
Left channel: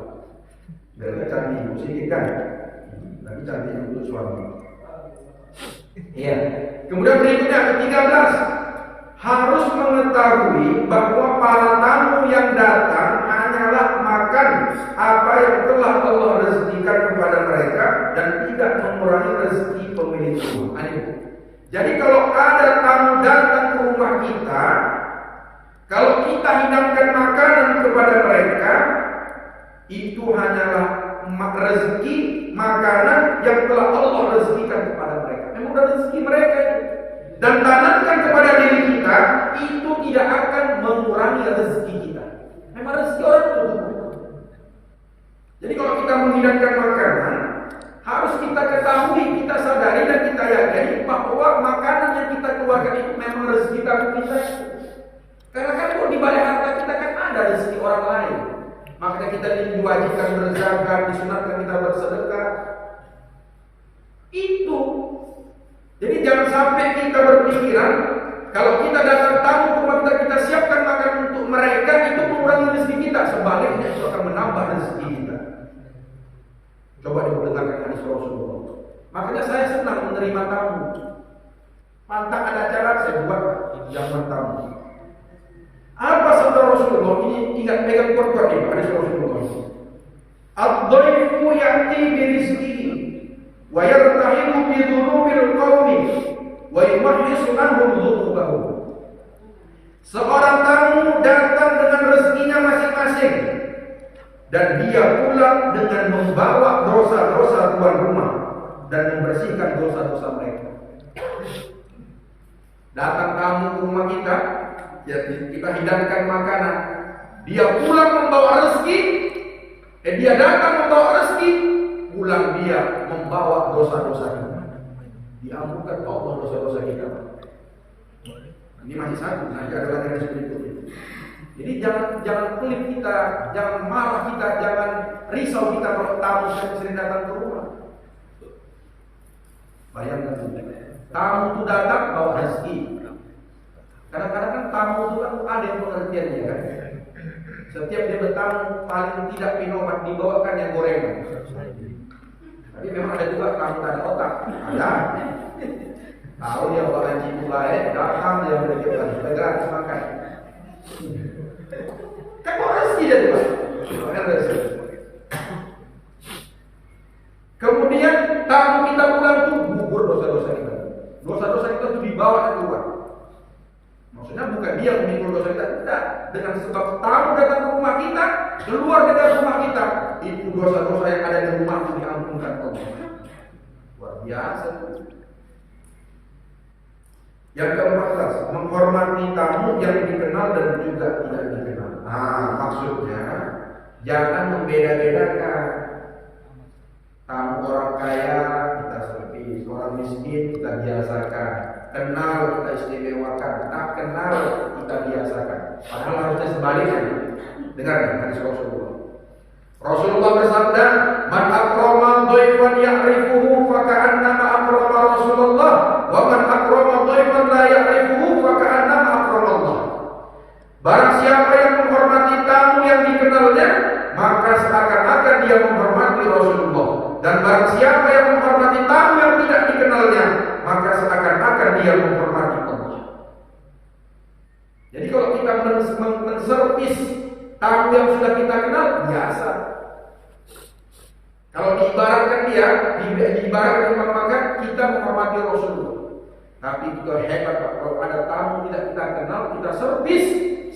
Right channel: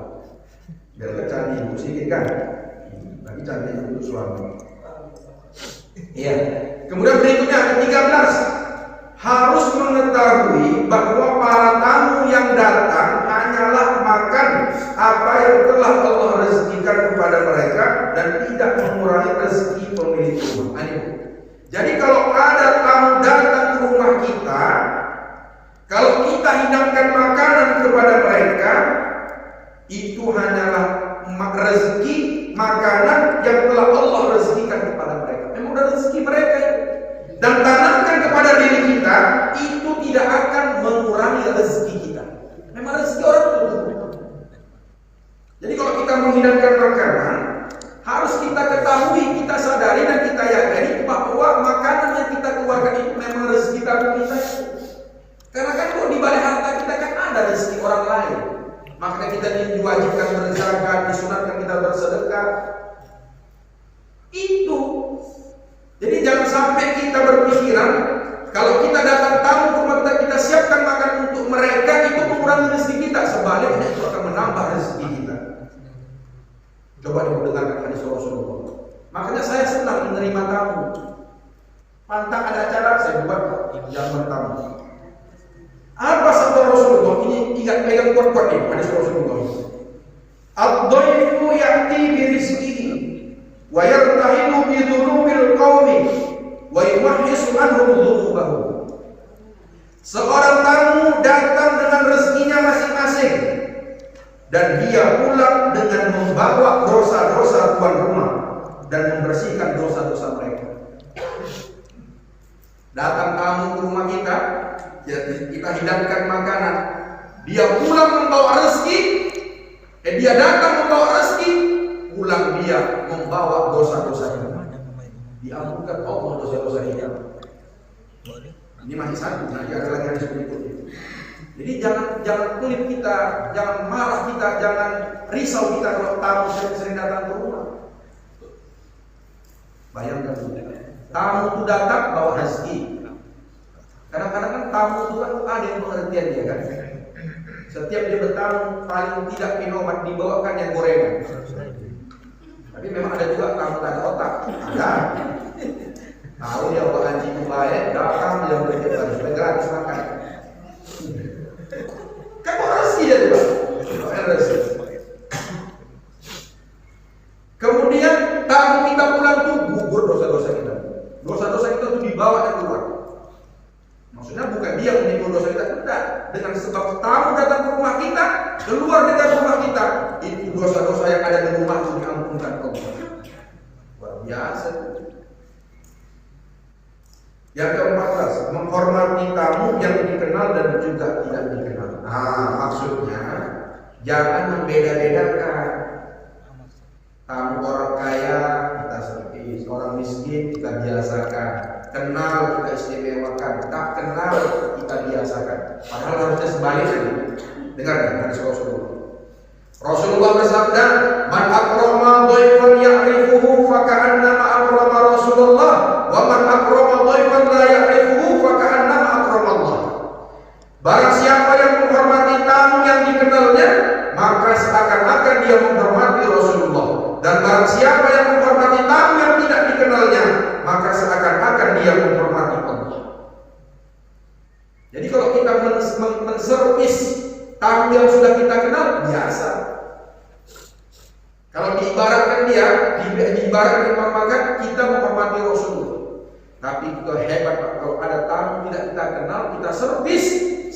Biar cantik ibu sedikit kan? Lagi cantik untuk suami. Iya. Kemudian berikutnya ke-13, harus mengetahui bahwa para tamu yang datang hanyalah makan apa yang telah Allah rezekikan kepada mereka dan tidak mengurangi rezeki pemilik rumah. Jadi kalau ada tamu datang ke rumah kita, kalau kita hidangkan makanan kepada mereka, itu hanyalah rezeki makanan yang telah Allah rezekikan kepada mereka. Memang udah rezeki mereka itu. Dan tanamkan kepada diri kita, itu tidak akan mengurangi rezeki kita. Memang rezeki orang itu. Jadi kalau kita menghidangkan makanan, harus kita ketahui, kita sadari dan kita yakini bahwa makanan yang kita keluarkan itu memang rezeki tabung kita. Karena kan di balik harta kita kan ada rezeki orang lain. Makanya kita diwajibkan berzakat, disunatkan kita bersedekah. Itu. Jadi jangan sampai kita berpikiran kalau kita datang tamu ke rumah kita siapkan makan untuk mereka, itu mengurangi rezeki kita. Sebaliknya itu akan menambah rezeki kita. Coba didengarkan hadis Rasulullah. Makanya saya senang menerima tamu. Pantang ada acara saya buat jamuan tamu. Apa sabda Rasulullah? Ini ingat pegang kuat-kuat nih hadis Rasulullah. Ad-dhaifu ya'ti bi rizqihi wa yartahilu bi dhunubil qaumi wa yumahhisu anhum dhunubahum. Seorang tamu datang dengan rezekinya masing-masing dan dia pulang dengan membawa dosa-dosa tuan rumah dan membersihkan dosa-dosa mereka. Datang tamu ke rumah kita, kita hidangkan makanan, dia pulang membawa rezeki, dia datang membawa rezeki, pulang dia membawa dosa-dosa kita. Diampunkan Allah dosa-dosa kita. Ini masih satu, nanti ada lagi yang berikutnya. Jadi jangan pelit kita, jangan marah kita, jangan risau kita kalau tamu sering datang ke rumah. Bayangkan, tamu itu datang bawa rezeki. Kadang-kadang kan tamu itu kan ada yang pengertian dia kan. Setiap dia bertamu paling tidak pinomat dibawakan yang gorengan. Tapi memang ada juga tamu tak ada otak. Ada. Tahu dia bawa anjing baik, datang dia beli cepat supaya gratis makan. Kan bawa rezeki dia tuh, Pak. Rezeki. Kemudian tamu kita pulang tuh gugur dosa-dosa kita. Dosa-dosa kita tuh dibawa dan keluar. Maksudnya bukan dia memikul dosa kita, tidak. Dengan sebab tamu datang ke rumah kita, keluar dari rumah kita, itu dosa-dosa yang ada di rumah itu diampunkan Allah. Luar biasa. Yang ke-14, menghormati tamu yang dikenal dan juga tidak dikenal. Maksudnya jangan membeda-bedakan. Tamu orang kaya kita servis, orang miskin kita biasakan, kenal kita istimewakan, tak kenal kita biasakan. Padahal harusnya sebaliknya. Dengar nih hadis Rasulullah. Rasulullah bersabda, "Man akrama dhaifan ya'rifuhu faka'annama akrama Rasulullah, wa man akrama dhaifan la ya'rifuhu faka'annama akrama Allah." Barang siapa yang menghormati tamu yang dikenalnya, maka seakan-akan dia menghormati Rasulullah. Dan barang siapa yang menghormati tamu yang tidak dikenalnya, maka seakan-akan dia menghormati Allah. Jadi kalau kita menservis tamu yang sudah kita kenal, biasa. Kalau diibaratkan dia, diibaratkan maka kita menghormati Rasulullah. Tapi kita hebat Pak, kalau ada tamu tidak kita kenal, kita servis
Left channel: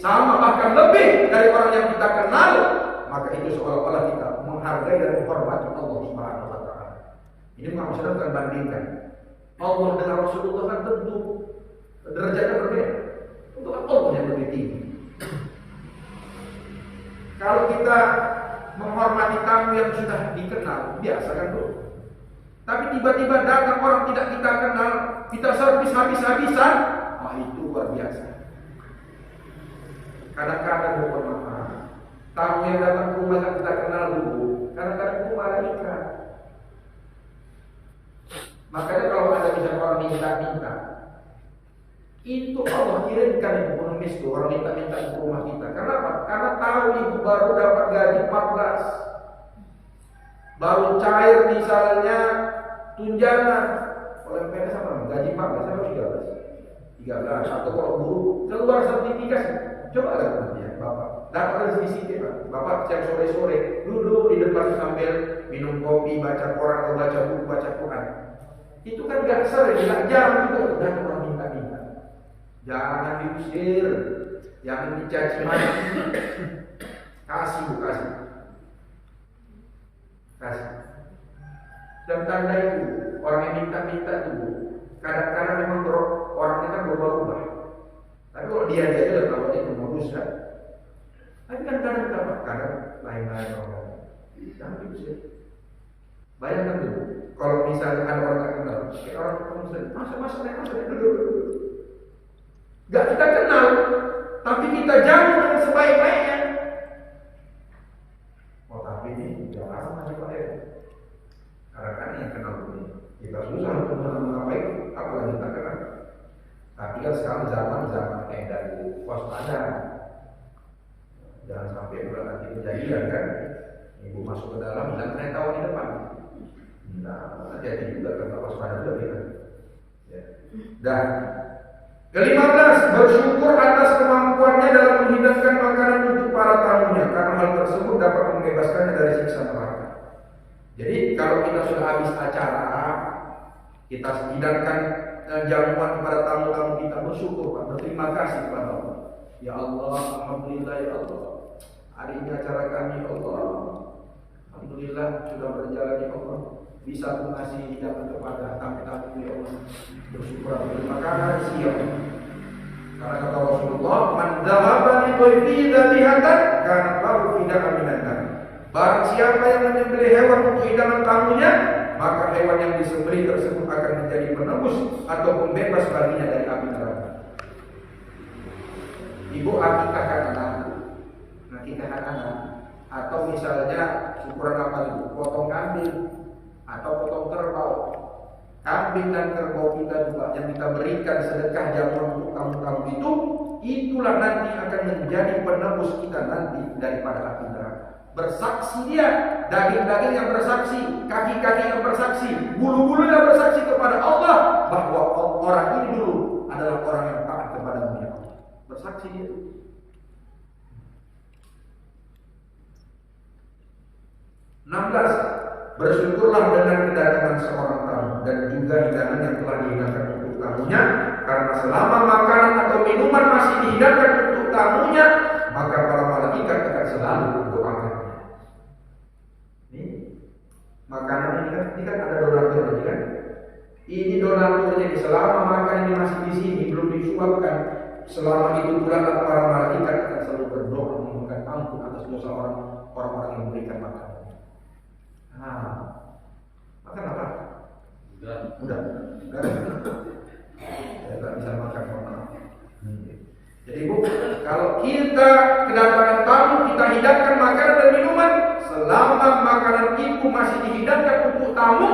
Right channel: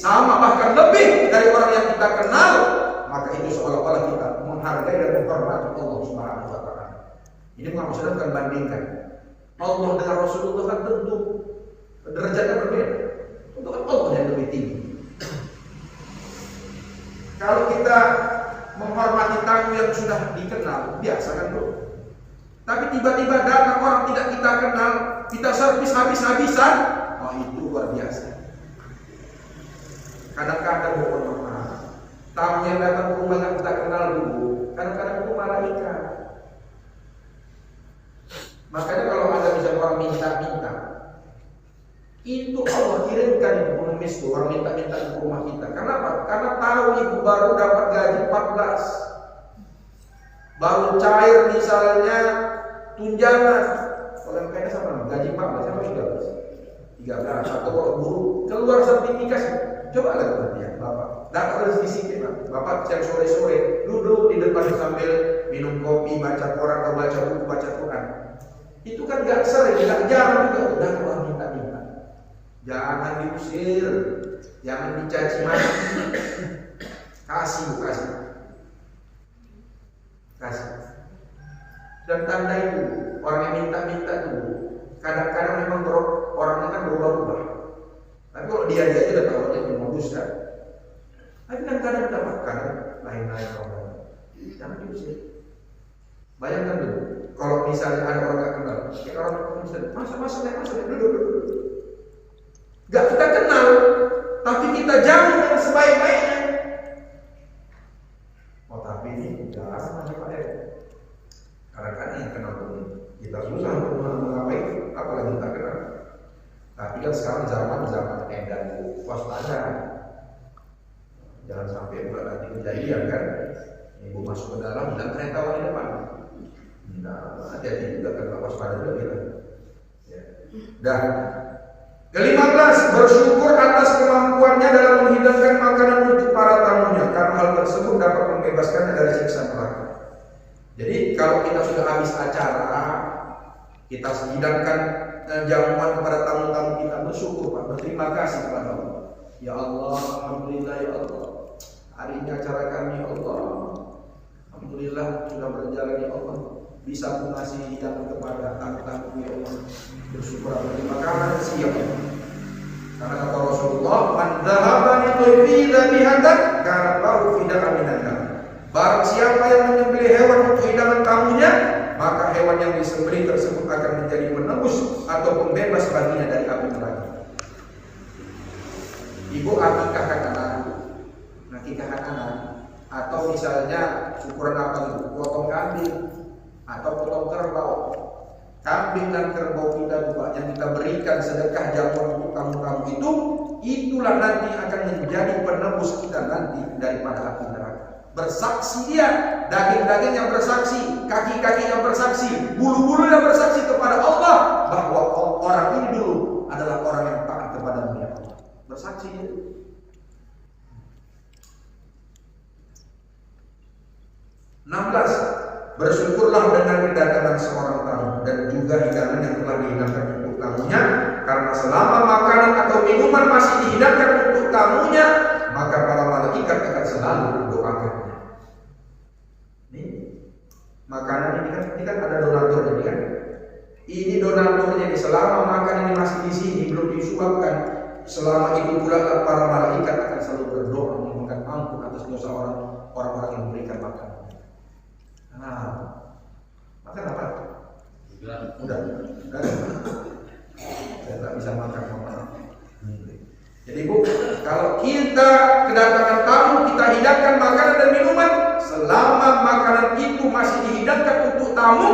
sama bahkan lebih dari orang yang kita kenal, maka itu seolah-olah kita menghargai dan menghormati Allah Subhanahu wa taala. Ini maksudnya bukan bandingkan. Allah dengan Rasulullah kan tentu derajatnya berbeda. Tentu kan Allah yang lebih tinggi. Kalau kita menghormati tamu yang sudah dikenal, biasa kan bro. Tapi tiba-tiba datang orang tidak kita kenal, kita servis habis-habisan, itu luar biasa. Kadang-kadang mohon maaf, tamu yang datang ke rumah yang kita kenal dulu, kadang-kadang itu malaikat. Makanya kalau ada misalnya orang minta-minta, itu Allah kirimkan itu pengemis tuh orang minta-minta ke rumah kita. Kenapa? Karena tahu ibu baru dapat gaji 14, baru cair misalnya tunjangan. Kalau yang PNS apa namanya? Gaji 14 sampai 13, atau kalau guru keluar sertifikasi. Coba lihat nanti ya, Bapak dapat rezeki sedikit Pak. Bapak siang sore-sore duduk di depan sambil minum kopi, baca koran atau baca buku, baca Quran. Itu kan gak sering, gak jarang juga datang orang minta-minta. Jangan diusir, jangan dicaci maki. Kasih Bu, kasih. Dan tanda itu orang yang minta-minta itu kadang-kadang memang orangnya kan berubah-ubah. Tapi kalau dia aja udah tahu itu modus kan. Tapi kan kadang lain-lain orang. Jangan diusir. Bayangkan dulu, kalau misalnya ada orang gak kenal, kayak orang masa duduk. Gak kita kenal, tapi kita jauh dengan sebaik-baiknya. Tapi ini jarang aja Pak ya. Kadang-kadang yang kenal dulu, kita susah untuk mengapain, apalagi tak kenal. Tapi kan sekarang zaman edan Bu, waspada. Jangan sampai juga nanti kejadian kan, ibu masuk ke dalam, bilang kereta di depan. Nah, hati-hati juga kan waspada juga kita. Ya. Dan ke-15, bersyukur atas kemampuannya dalam menghidangkan makanan untuk para tamunya, karena hal tersebut dapat membebaskannya dari siksa neraka. Jadi kalau kita sudah habis acara, kita hidangkan jamuan kepada tamu-tamu kita, bersyukur Pak, berterima kasih kepada Allah. Ya Allah, alhamdulillah ya Allah. Hari ini acara kami ya Allah, alhamdulillah sudah berjalan ya Allah. Bisa aku ngasih hidangan kepada tamu-tamu ya Allah. Bersyukur terima kasih ya Allah. Karena kata Rasulullah, "Man dhahaba li dhaifihi dhabihatan kanat lahu fida'an minan nar." Barang siapa yang menyembelih hewan untuk hidangan tamunya, maka hewan yang disembelih tersebut akan menjadi penebus atau pembebas baginya dari api neraka. Ibu akikahkan anak, akikahan anak, atau misalnya syukuran apa itu, potong kambing atau potong kerbau. Kambing dan kerbau kita juga yang kita berikan sedekah jamuan untuk tamu-tamu itu, itulah nanti akan menjadi penebus kita nanti daripada api neraka. Bersaksi dia, daging-daging yang bersaksi, kaki-kaki yang bersaksi, bulu-bulu yang bersaksi kepada Allah bahwa orang ini dulu adalah orang yang taat kepada Allah. Bersaksi dia. (16) Bersyukurlah dengan kedatangan seorang tamu dan juga hidangan yang telah dihidangkan untuk tamunya, karena selama makanan atau minuman masih dihidangkan untuk tamunya, maka para malaikat akan selalu mendoakannya. Ini makanan ini kan ada donaturnya kan? Ini donaturnya ini, selama makanan ini masih di sini belum disuapkan, selama itu pula para malaikat akan selalu berdoa memohon ampun atas dosa orang-orang yang memberikan makanan. Makan apa? Udah. Saya tak bisa makan, maaf. Jadi Bu, kalau kita kedatangan tamu, kita hidangkan makanan dan minuman, selama makanan itu masih dihidangkan untuk tamu,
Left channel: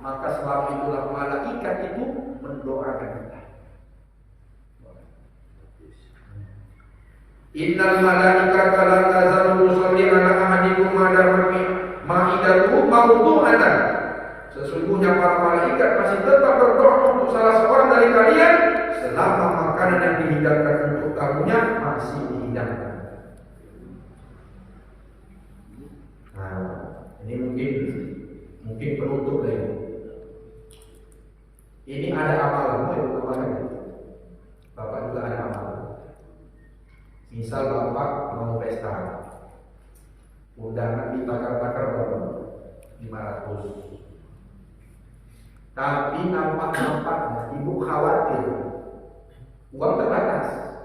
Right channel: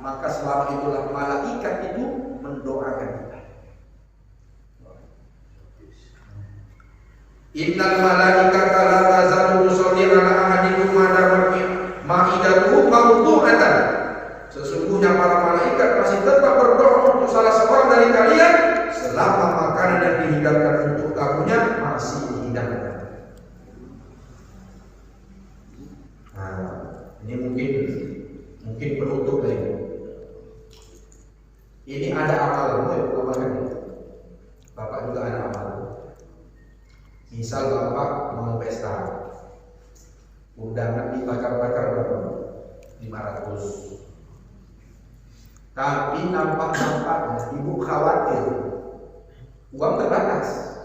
maka selama itulah malaikat itu mendoakan kita. Innal malaikata la tazalu tusalli ala ahadikum ma dama ma'idatu mawdu'atan. Sesungguhnya para malaikat masih tetap berdoa untuk salah seorang dari kalian selama makanan yang dihidangkan untuk tamunya masih dihidangkan. Ini mungkin penutup ya. Ini ada amal, amalan. Bapak juga ada amalan. Misal Bapak mau pesta, undangan dibakar-bakar berapa? 500. Tapi nampak-nampaknya ibu khawatir uang terbatas,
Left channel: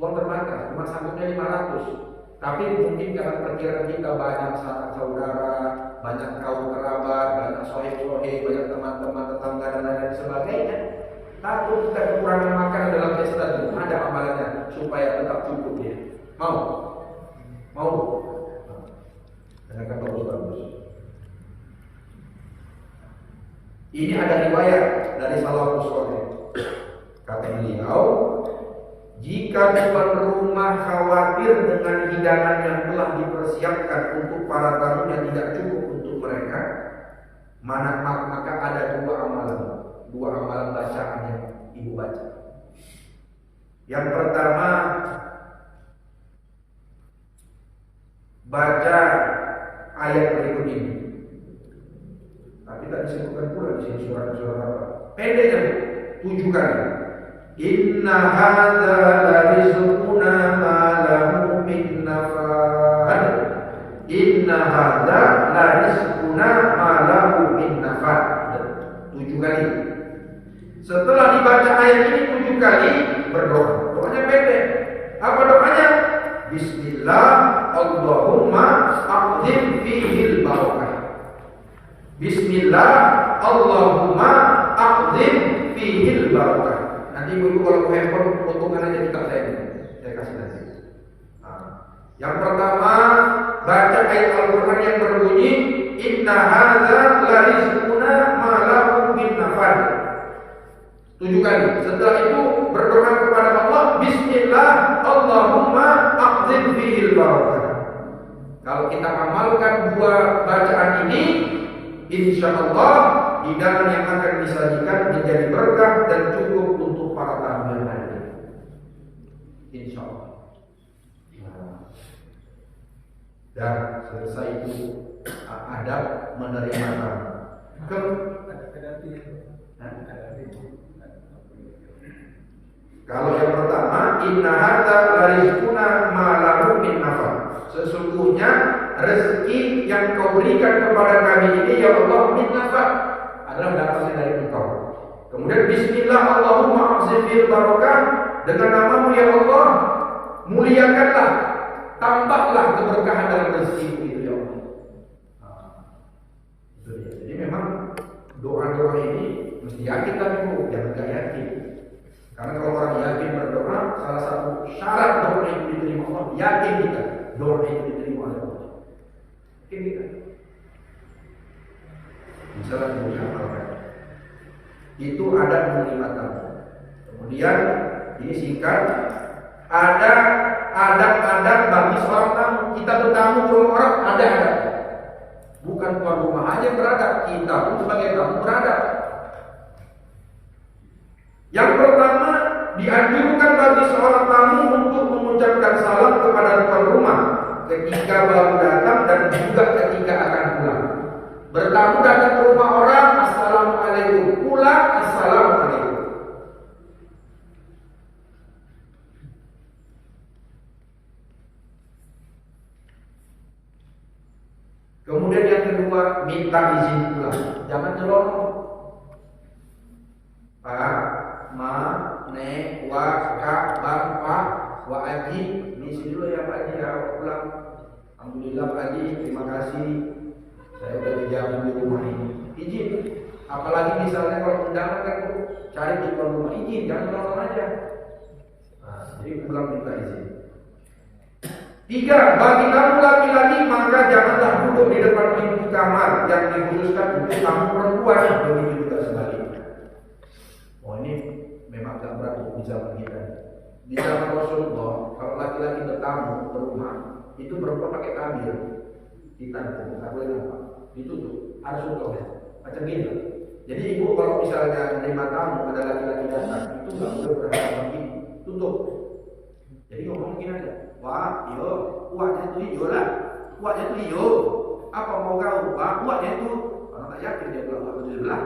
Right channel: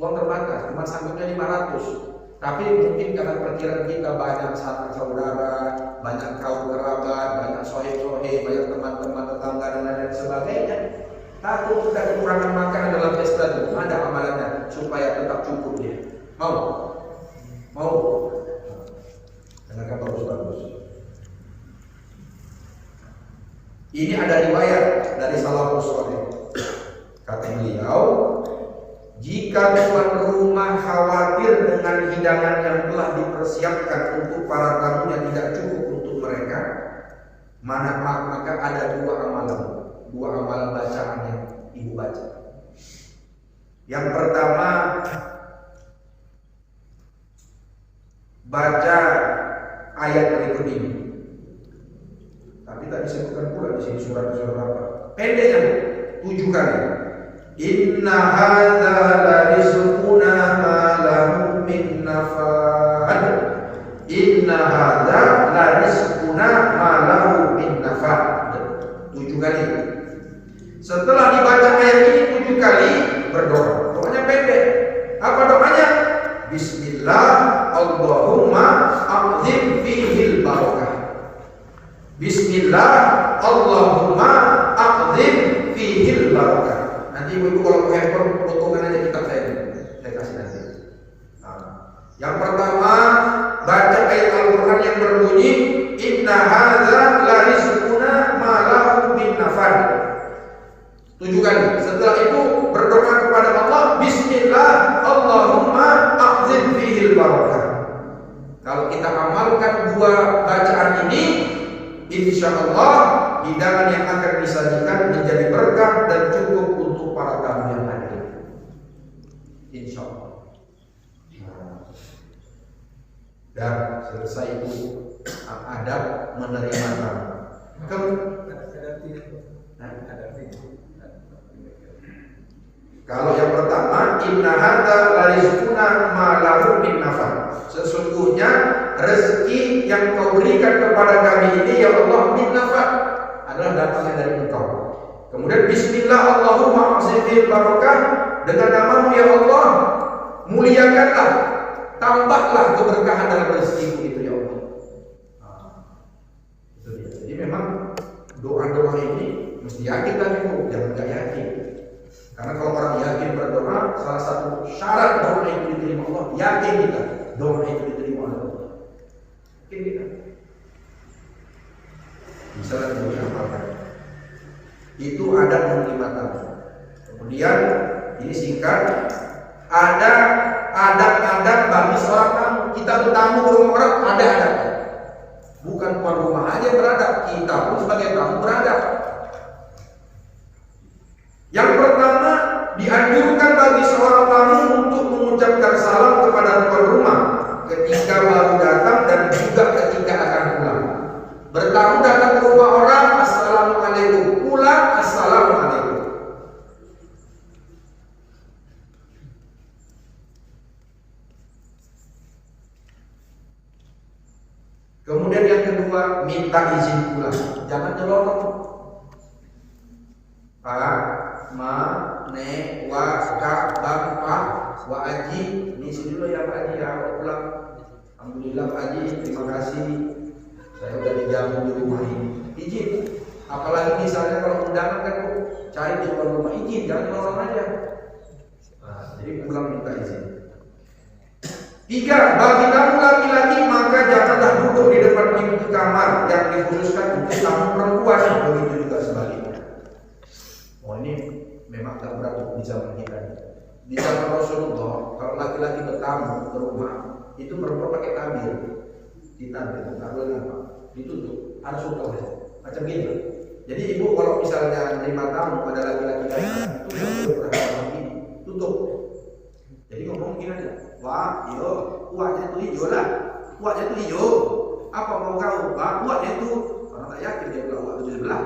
cuma sanggupnya 500. Tapi mungkin karena perkiraan kita banyak sanak saudara, banyak kaum kerabat, banyak sohib-sohib, banyak teman-teman tetangga dan lain-lain sebagainya, takut kita kekurangan makanan dalam pesta itu. Ada amalannya supaya tetap cukup dia. Mau? Dengarkan bagus-bagus. Ini ada riwayat dari salafus saleh. Kata beliau, jika tuan rumah khawatir dengan hidangan yang telah dipersiapkan untuk para tamunya tidak cukup untuk mereka, maka ada dua amalan bacaan yang ibu baca. Yang pertama, baca ayat berikut ini. Tapi tak disebutkan pula di sini surat-surat apa. Pendeknya 7 kali. Inna hadza la rizquna ma lahu min nafad. Inna hadza la rizquna ma lahu min nafad. 7 kali. Setelah dibaca ayat ini 7 kali, berdoa. Doanya pendek. Apa doanya? Bismillah Allahumma aqdim fihil barakah. Bismillah Allahumma aqdim fihil barakah. Nanti ibu kalau mau handphone potongan aja kitab saya kasih nanti. Yang pertama, baca ayat Al-Quran yang berbunyi inna hadza la rizquna ma lahu min nafad. 7 kali. Setelah itu berdoa kepada Allah, Bismillah Allahumma aqdim fihil barakah. Kalau kita amalkan 2 bacaan ini, insyaallah hidangan yang akan disajikan menjadi berkah dan cukup untuk para tamu yang hadir. Insyaallah. Dan selesai itu adab menerima tamu. Kalau yang pertama, inna hadza la rizquna ma lahu min nafad. Sesungguhnya rezeki yang kau berikan kepada kami ini ya Allah min nafad, adalah datangnya dari Engkau. Kemudian bismillah Allahumma aqzifil barakah, dengan namamu ya Allah muliakanlah, tambahlah keberkahan dalam rezekiku itu ya Allah. Itu dia. Jadi memang doa-doa ini mesti yakin kan ibu, jangan gak yakin. Karena kalau orang yakin berdoa, salah satu syarat doa itu diterima Allah, yakin kita. doa itu diterima oleh Allah. Mungkin kita misalnya kita amalkan. Itu adab menerima tamu. Kemudian ini singkat, ada adab-adab bagi seorang tamu. Kita bertamu ke rumah orang, ada adabnya. Bukan tuan rumah aja yang beradab, kita pun sebagai tamu beradab. Yang pertama, dianjurkan bagi seorang tamu untuk mengucapkan salam kepada tuan rumah ketika baru datang dan juga ketika akan pulang. Bertamu datang ke rumah orang, assalamualaikum. Pulang, assalamualaikum. Kemudian yang kedua, minta izin pulang. Jangan nyelonong. Pak, ma, nek, wa, kak, bang, pak, wa, aji. Ini sini dulu ya Pak Haji, ya pulang. Alhamdulillah Pak Haji, terima kasih. Saya udah dijamin di rumah ini. Izin. Apalagi misalnya kalau undangan kan cari di depan rumah, izin, jangan nyelonong aja. Nah, jadi pulang minta izin. 3. Bagi tamu laki-laki maka janganlah duduk di depan pintu kamar yang dikhususkan untuk tamu perempuan. Begitu juga sebaliknya. Oh ini memang tak berat di zaman kita. Di zaman Rasulullah, kalau laki-laki bertamu ke rumah, itu perempuan pakai tabir. Ditabir, nggak boleh nampak, ditutup, harus tutup macam gini. Jadi ibu kalau misalnya menerima tamu ada laki-laki datang, itu nggak boleh berhadapan begini, tutup. Jadi ngomong gini aja, wah, iyo, kuahnya itu hijau lah, kuahnya itu hijau. Apa mau kau? Wah, kuahnya itu. Orang tak yakin dia bilang kuah itu di sebelah.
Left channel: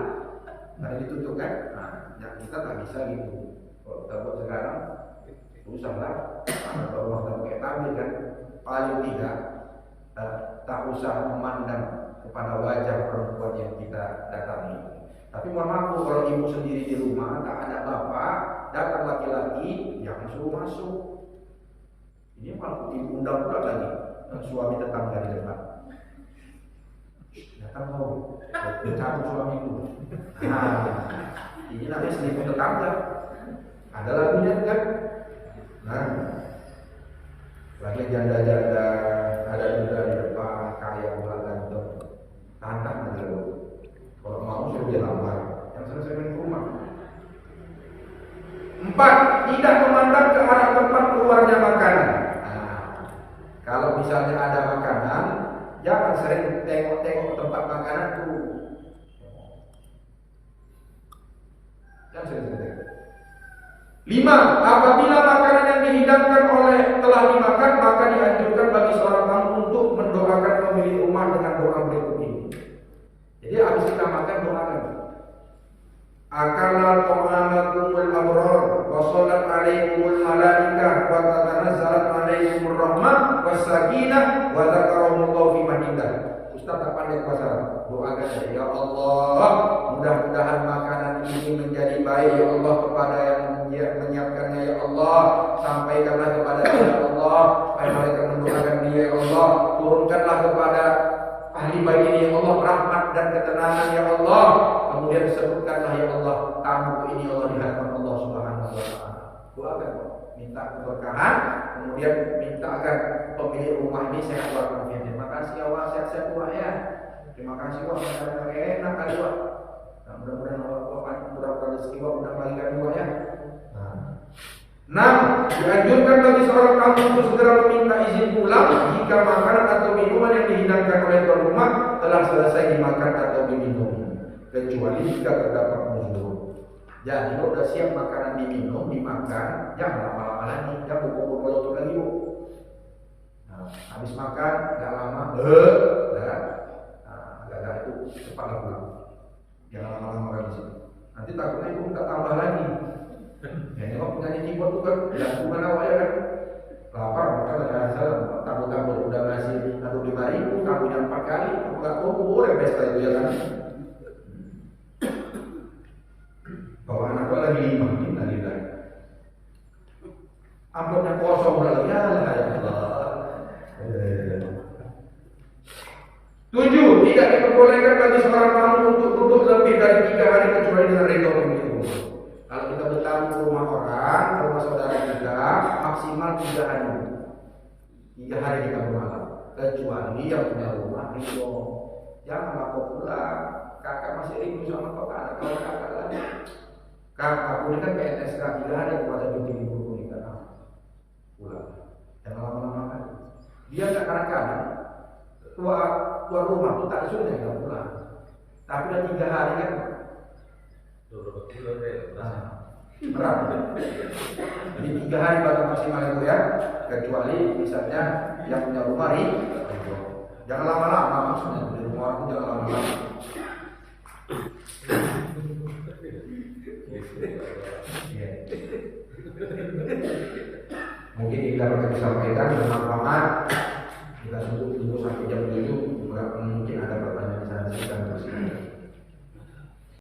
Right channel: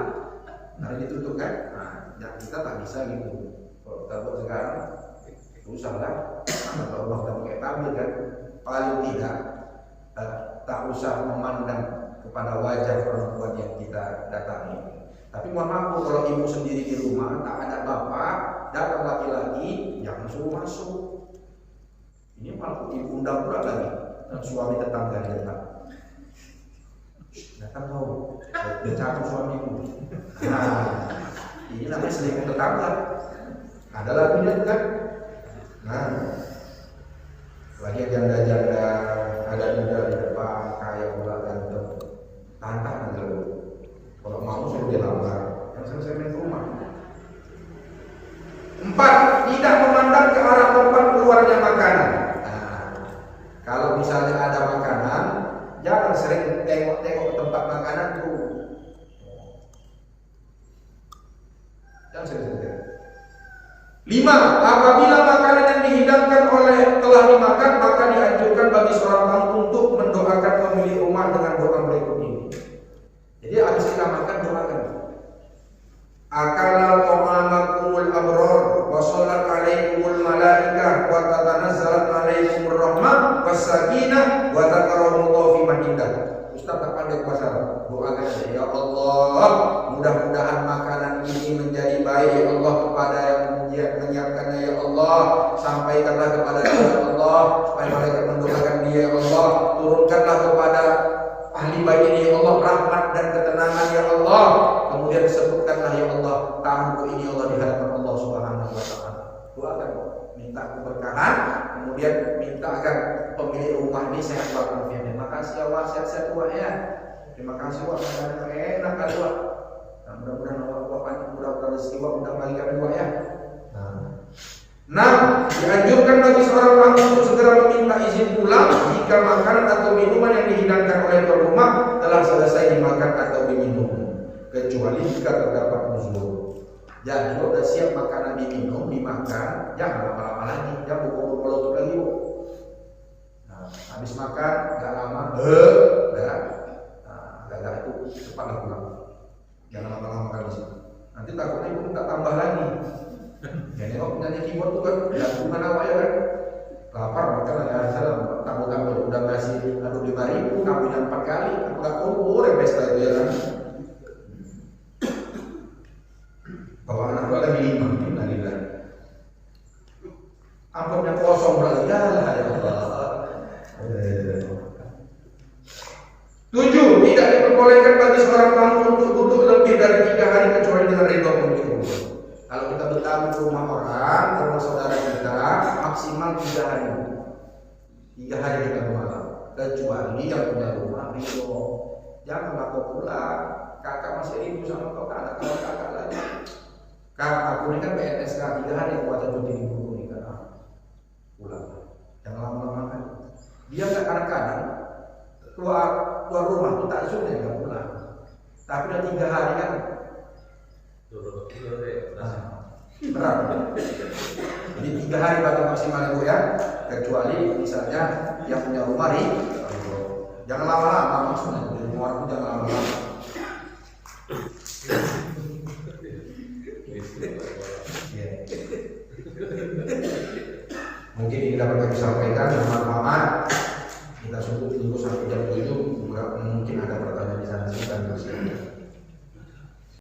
Ada ditutup kan? Nah, ya kita tak bisa gitu. Kalau kita buat sekarang, susah lah. Kalau Allah kita pakai tabir kan, paling tidak tak usah memandang kepada wajah perempuan yang kita datangi. Tapi mohon maaf kalau ibu sendiri di rumah tak ada bapak, datang laki-laki, jangan suruh masuk. Ini malah ibu undang pula lagi suami tetangga di depan. Datang kau, dia cabut suamiku. Nah, ini namanya selingkuh tetangga. Ada lagunya kan? Nah, lagi janda-janda ada muda di depan, kaya pula ganteng, tantang aja lo. Kalau mau suruh dia lamar, yang selesai main ke rumah. 4. Tidak memandang ke arah tempat keluarnya makanan. Kalau misalnya ada makanan, jangan sering tengok-tengok tempat makanan tuh. Jangan sering-sering. 5. Apabila makanan yang dihidangkan telah dimakan, maka dianjurkan bagi seorang tamu untuk mendoakan pemilik rumah dengan doa berikut ini. Jadi habis kita makan doakan. Akala ta'amakumul abrar wa sallat alaikumul malaikah wa tatanazzalat alaikumur rahmah was sakinah wa dzakarakumullahu fi man indah. Ustaz tak pandai bahasa Arab. Doakan aja, ya Allah, mudah-mudahan makanan ini menjadi baik ya Allah kepada yang menyiapkannya ya Allah. Sampaikanlah kepada dia ya Allah, supaya mereka mendoakan dia ya Allah. Turunkanlah kepada ahli baik ini ya Allah rahmat dan ketenangan ya Allah. Kemudian sebutkanlah ya Allah tamuku ini Allah di hadapan Allah Subhanahu wa taala. Doakan, minta keberkahan, kemudian minta agar pemilik rumah ini sehat walafiat. Terima kasih Allah, sehat-sehat Wak ya. Terima kasih Wak, makanan enak kali Wak. Nah, mudah-mudahan Allah panjang, mudah-mudahan rezeki Wak undang lagi kami Wak ya. 6. Dianjurkan bagi seorang tamu untuk segera meminta izin pulang jika makanan atau minuman yang dihidangkan oleh tuan rumah telah selesai dimakan atau diminum, kecuali jika terdapat uzur. Jadi kalau sudah siap makanan diminum, dimakan, jangan lama-lama lagi, jangan pukul melutup lagi Bu. Nah, habis makan, gak lama, agak itu cepatlah pulang. Jangan lama-lama kan di sini. Nanti takutnya ibu minta tambah lagi. Jadi kalau penyanyi keyboard tuh kan lagu awak ya kan, lapar makan ya salam tamu-tamu udah ngasih aduk 5.000, tamunya 4 kali, aku gak kumpul ya pesta itu ya kan. Bawa anak gua lagi 5, innalillahi. Amplopnya kosong lagi, ya Allah ya Allah. 7. Tidak diperbolehkan bagi seorang tamu untuk duduk lebih dari 3 hari kecuali dengan ridho pemilik rumah. Kalau kita bertamu ke rumah orang, ke rumah saudara kita, maksimal 3 hari. 3 hari 3 malam, kecuali yang punya rumah ridho. Janganlah kau pulang, kakak masih rindu sama kau, anak kau kakak lagi. Aku ini kan PNS kan, 3 hari aku ada cuti di buku ini kan, pulang. Jangan lama-lama kan. Dia nggak kadang-kadang tua rumah tuh tak sudah nggak pulang. Tapi udah 3 hari kan, berat. Di 3 hari baru maksimal ibu ya, kecuali misalnya yang punya rumah ridho. Jangan lama-lama maksudnya, di rumah aku jangan lama-lama. Mungkin ini dapat kami sampaikan bermanfaat.